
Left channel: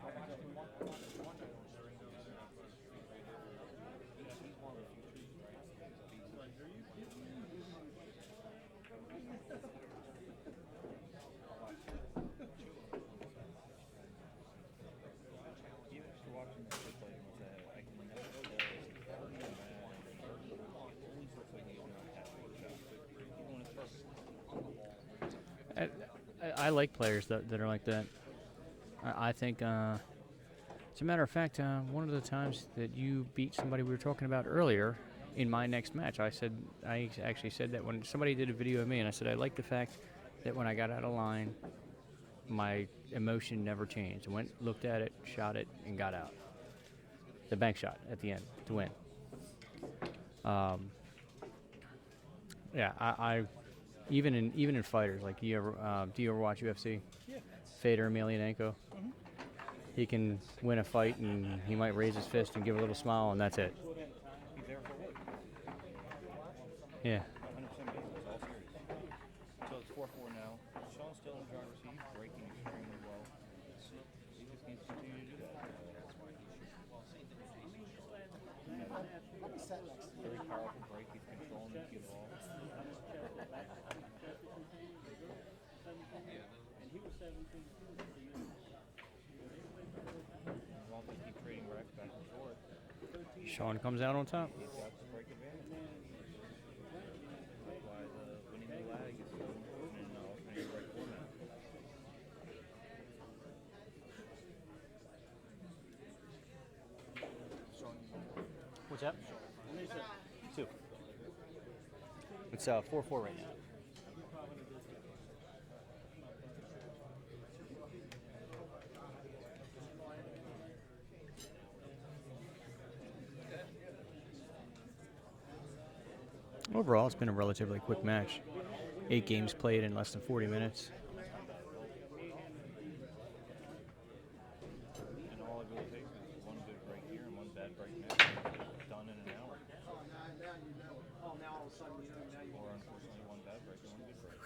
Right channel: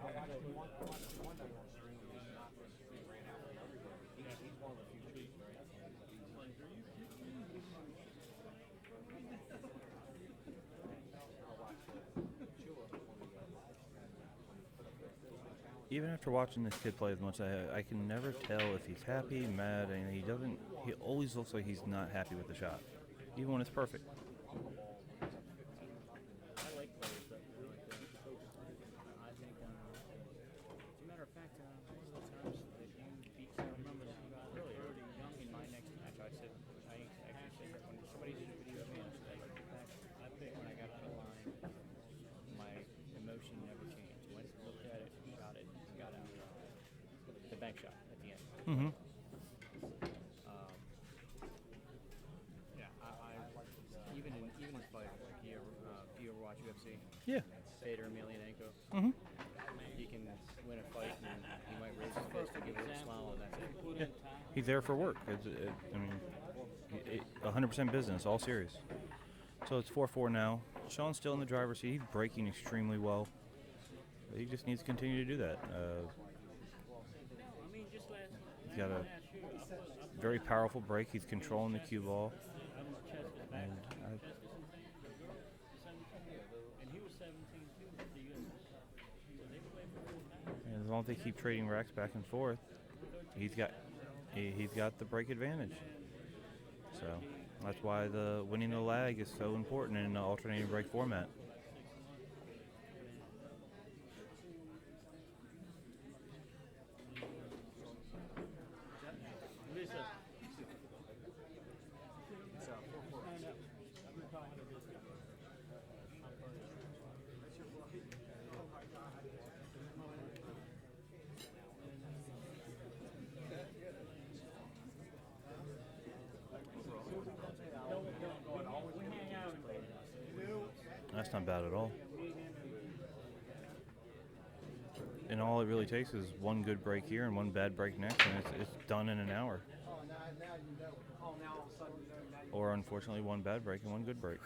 Even after watching this kid play as much, I can never tell if he's happy, mad, and he doesn't. He always looks like he's not happy with the shot, even when it's perfect. I like players that are like that. I think, as a matter of fact, one of the times that you beat somebody we were talking about earlier in my next match, I actually said that when somebody did a video of me, and I said I like the fact that when I got out of line, my emotion never changed. I went, looked at it, shot it, and got out. The bank shot at the end to win. Yeah, I even in fighters, like do you ever watch UFC? Yeah. Fedor Emelianenko. He can win a fight and he might raise his fist and give a little smile and that's it. Yeah. He's there for work. Yeah. 100% business, all serious. So it's 4-4 now. Shaun's still in the driver's seat. He's braking extremely well. He just needs to continue to do that. He's got a very powerful brake. He's controlling the cue ball. And as long as they keep trading wrecks back and forth, Shaun comes out on top. He's got the brake advantage. So that's why the winning the lag is so important in an alternating brake format. What's that? Two. It's a 4-4 race. Overall, it's been a relatively quick match. 8 games played in less than 40 minutes. That's not bad at all. And all it really takes is one good break here and one bad break next, and it's done in an hour. Or unfortunately, one bad break and one good break.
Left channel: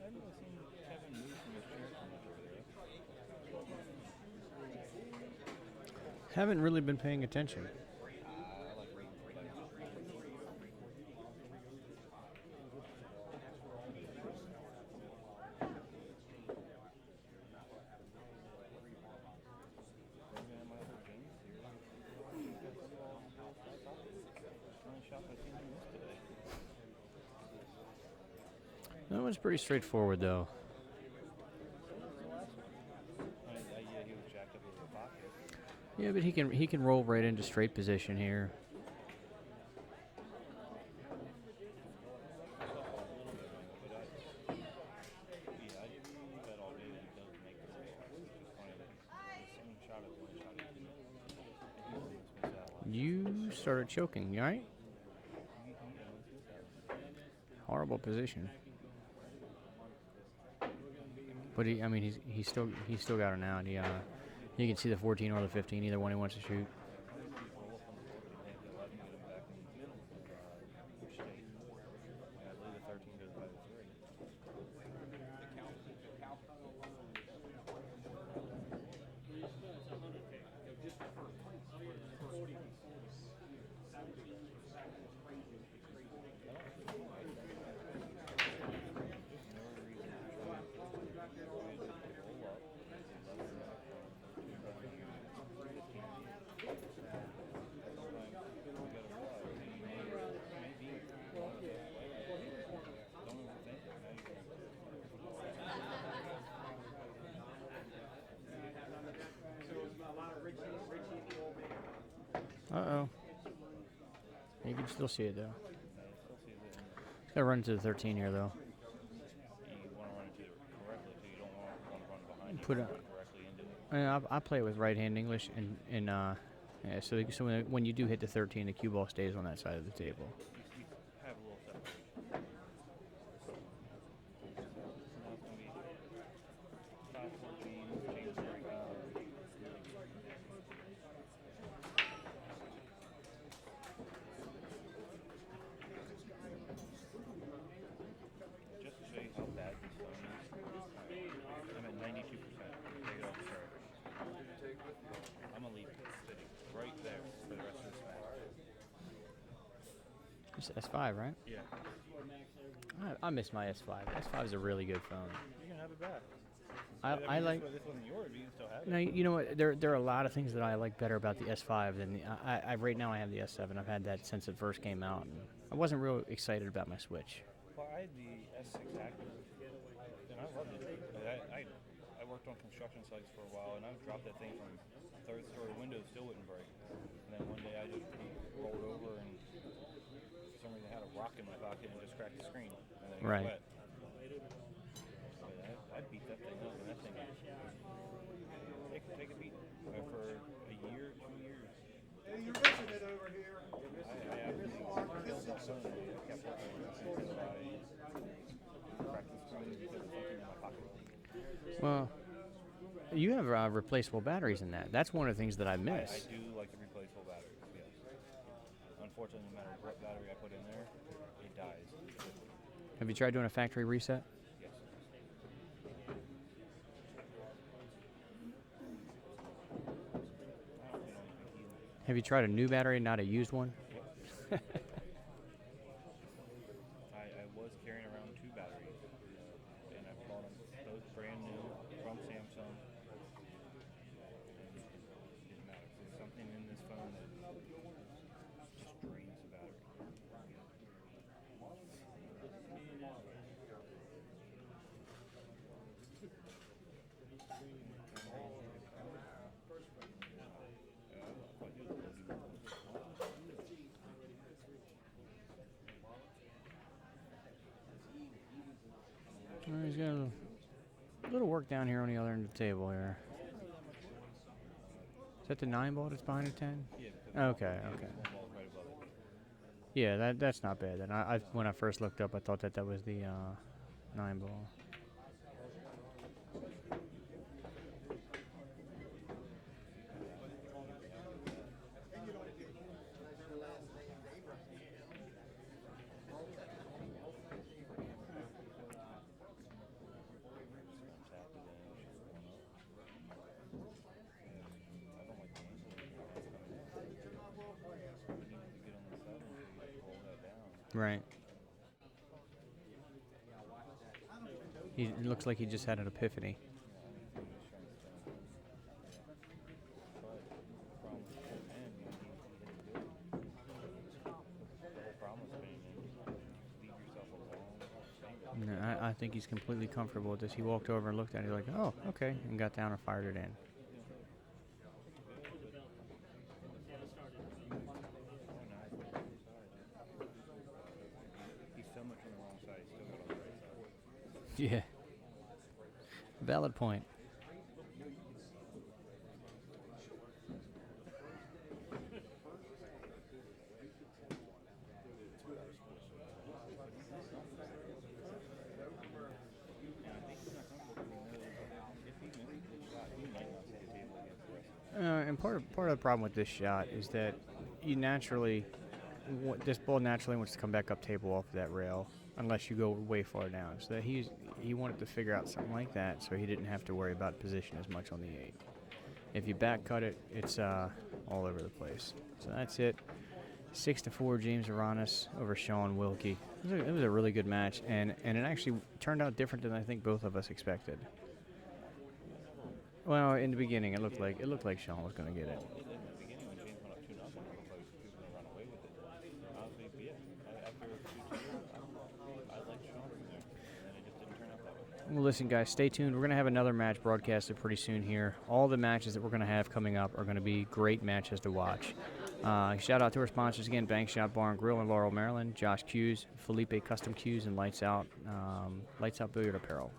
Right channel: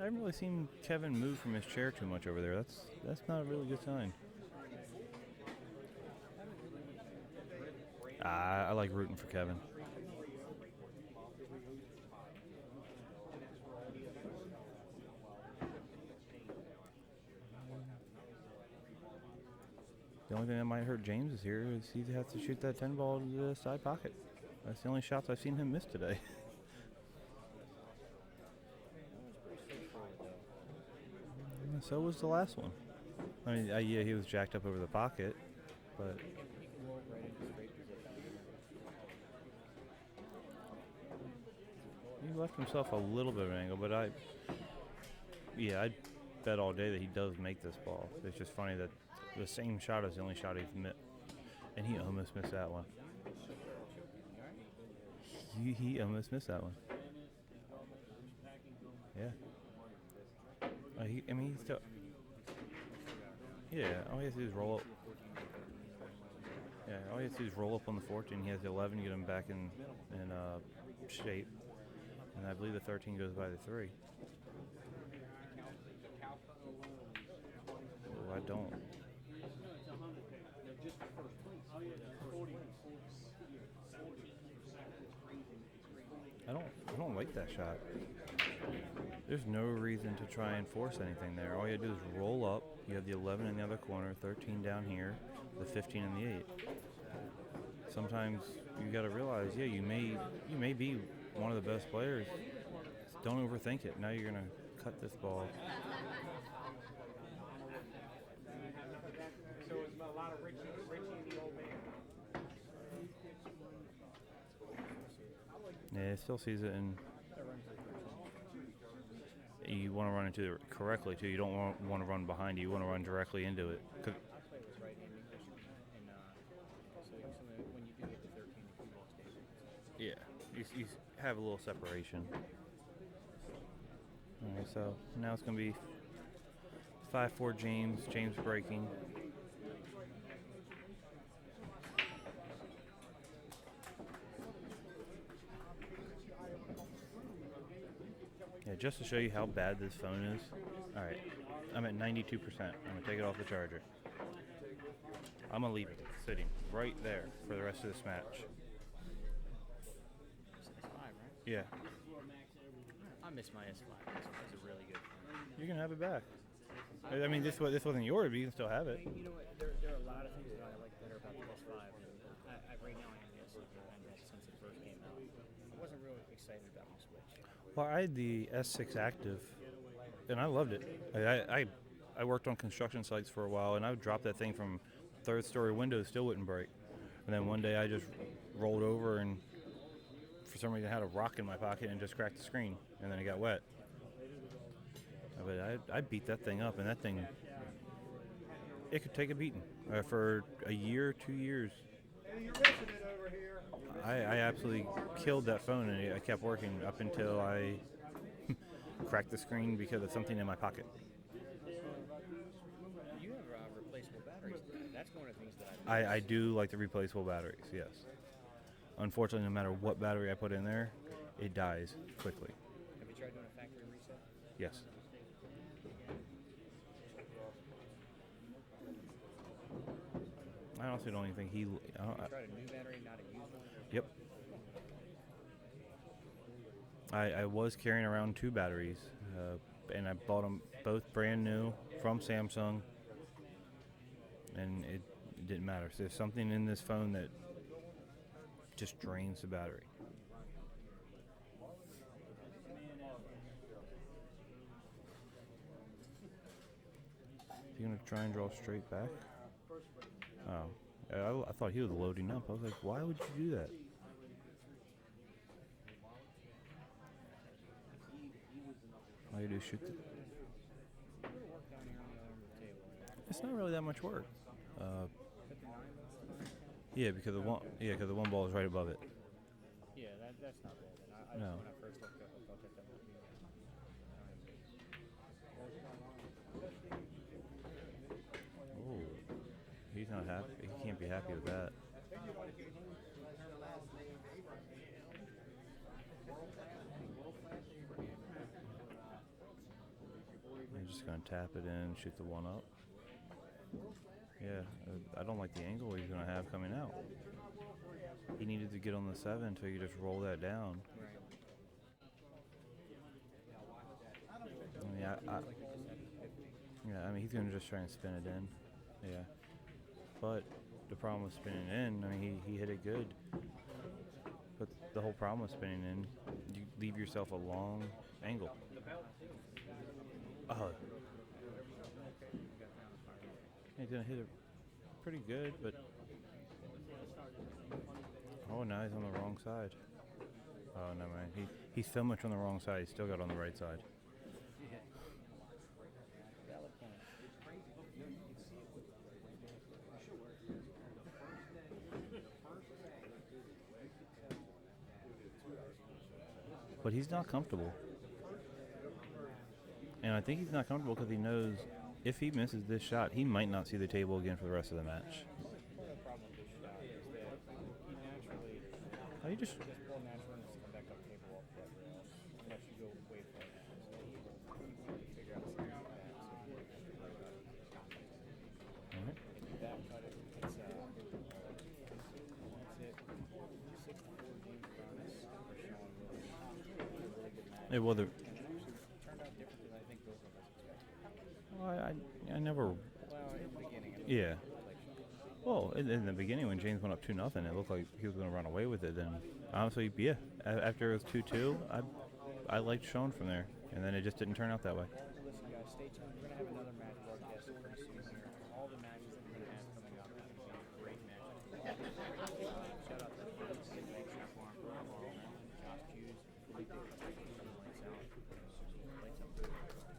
I haven't really seen Kevin move from his chair too much over there. That's not a really good sign. Haven't really been paying attention. I like rooting for Kevin. The only thing that might hurt James is here is he has to shoot that 10 ball to the side pocket. That's the only shots I've seen him miss today. That one's pretty straightforward, though. So was the last one. I mean, yeah, he was jacked up over the pocket. Yeah, but he can roll right into straight position here. He left himself a little bit of an angle, but I'd bet all day that he does make this ball. It's just funny that the same shot is the only shot he's missed, and he almost missed that one. You started choking, you all right? He almost missed that one. Horrible position. Yeah. He's still got it now. Yeah. All he has to do is roll You can up. see the 14 or the 15, either one he wants to shoot. Yeah. All he has to do is roll up on the 14. He has the 11, get him back in shape, and I believe the 13 goes by the 3. I don't. I don't like that shot. There's no reason to try and force anything there. All you gotta do is roll up. You have the 11 in the other corner, 13 down here, the 15 in the 8. Sometimes you gotta realize, yeah, you may be one of the best players. Don't overthink it. Now you're gonna cut this ball. Uh-oh. You can still see it, though. Yeah, it still sees it, and They'll run to the 13 here, though. you want to run into it correctly, too. You don't want to run behind you. You Put want to it- run directly into it. I play it with right-hand English, and yeah, so when you do hit the 13, the cue ball stays on that side of the Yeah, table. you have a little separation. So now it's going to be 5-4 James. James breaking. Yeah, just to show you how bad this phone is. All right, I'm at 92%. I'm going to take it off the charger. I'm going to leave it sitting right there for the rest of this match. It's S5, right? Yeah. I miss my S5. S5 is a really good phone. You can have it back. I mean, like. this wasn't yours, but you can still have it. No, you know what? There are a lot of things that I like better about the S5 than I right now I have the S7. I've had that since it first came out. I wasn't real excited about my Switch. Well, I had the S6 Active, and I loved it. I worked on construction sites for a while, and I would drop that thing from third-story windows, still wouldn't break. And then one day I just rolled over, and for some reason I had a rock in my pocket and just cracked the screen, and then it got Right. wet. But I beat that thing up, and that thing, it could take a beating for a year, 2 years. I absolutely killed that phone, and I kept working up until I cracked the screen because of something in my pocket. Well, you have replaceable batteries in that. That's one of the things that I miss. I do like the replaceable batteries, yes. Unfortunately, no matter what battery I put in there, it dies quickly. Have you tried doing a factory reset? Yes. I also don't even think he... Have you tried a new battery, not a used one? Yep. I was carrying around 2 batteries, and I bought them both brand new from Samsung, and it didn't matter. So there's something in this phone that just drains the battery. You gonna try and draw straight back? Oh, I thought he was loading up. I was like, why would you do that? All you do is shoot. He's got a little work down here on the other end of the table here. It's not really that much work. Is that the 9 ball that's behind the 10? Yeah, because the one ball is right above it. Yeah, that's not bad. Then when I first looked up, I thought that was the 9 ball. He's not happy. He can't be happy with that. I'm just gonna tap it in, shoot the one up. Yeah, I don't like the angle he's gonna have coming out. He needed to get on the 7 until you just roll that down. Right. Yeah, It looks like he just had an epiphany. Yeah, I mean, he's gonna just try and spin it in. Yeah. But the problem with spinning in, I mean, he hit it good. But the whole problem with spinning in, you leave yourself a long angle. No, I think he's completely comfortable with this. He walked over and looked at it like, oh, okay, and got down and fired it in. He's gonna hit it pretty good, but oh, now he's on the wrong side. Oh no, man, he's so much on the wrong side. He's still got on the right side. Yeah. Valid point. But he's not comfortable. And I think he's not comfortable because he knows if he misses this shot, he might not see the table again for the rest of the match. And part of the problem with this shot is that you naturally, this ball naturally wants to come back up table off of that rail unless you go way far down. So that he wanted to figure out something like that so he didn't have to worry about position as much on the 8. If you back cut it, it's all over the place. So that's it. 6-4 James Aranas over Shaun Wilkie. It was a really good match, and it actually turned out different than I think both of us expected. Well, I never. Well, in the beginning, it looked like Shaun was going to get it. Well, in the beginning when James went up 2-0, it looked like he was going to run away with it. Then honestly, yeah, after it was 2-2, I liked Shaun from there. and then it just didn't turn out that way. Well, listen, guys, stay tuned. We're going to have another match broadcasted pretty soon here. All the matches that we're going to have coming up are going to be great matches to watch. Shout out to our sponsors again, Bank Shot Bar and Grill in Laurel, Maryland, Josh Hughes, Felipe Custom Cues, and Lights Out Billiard Apparel.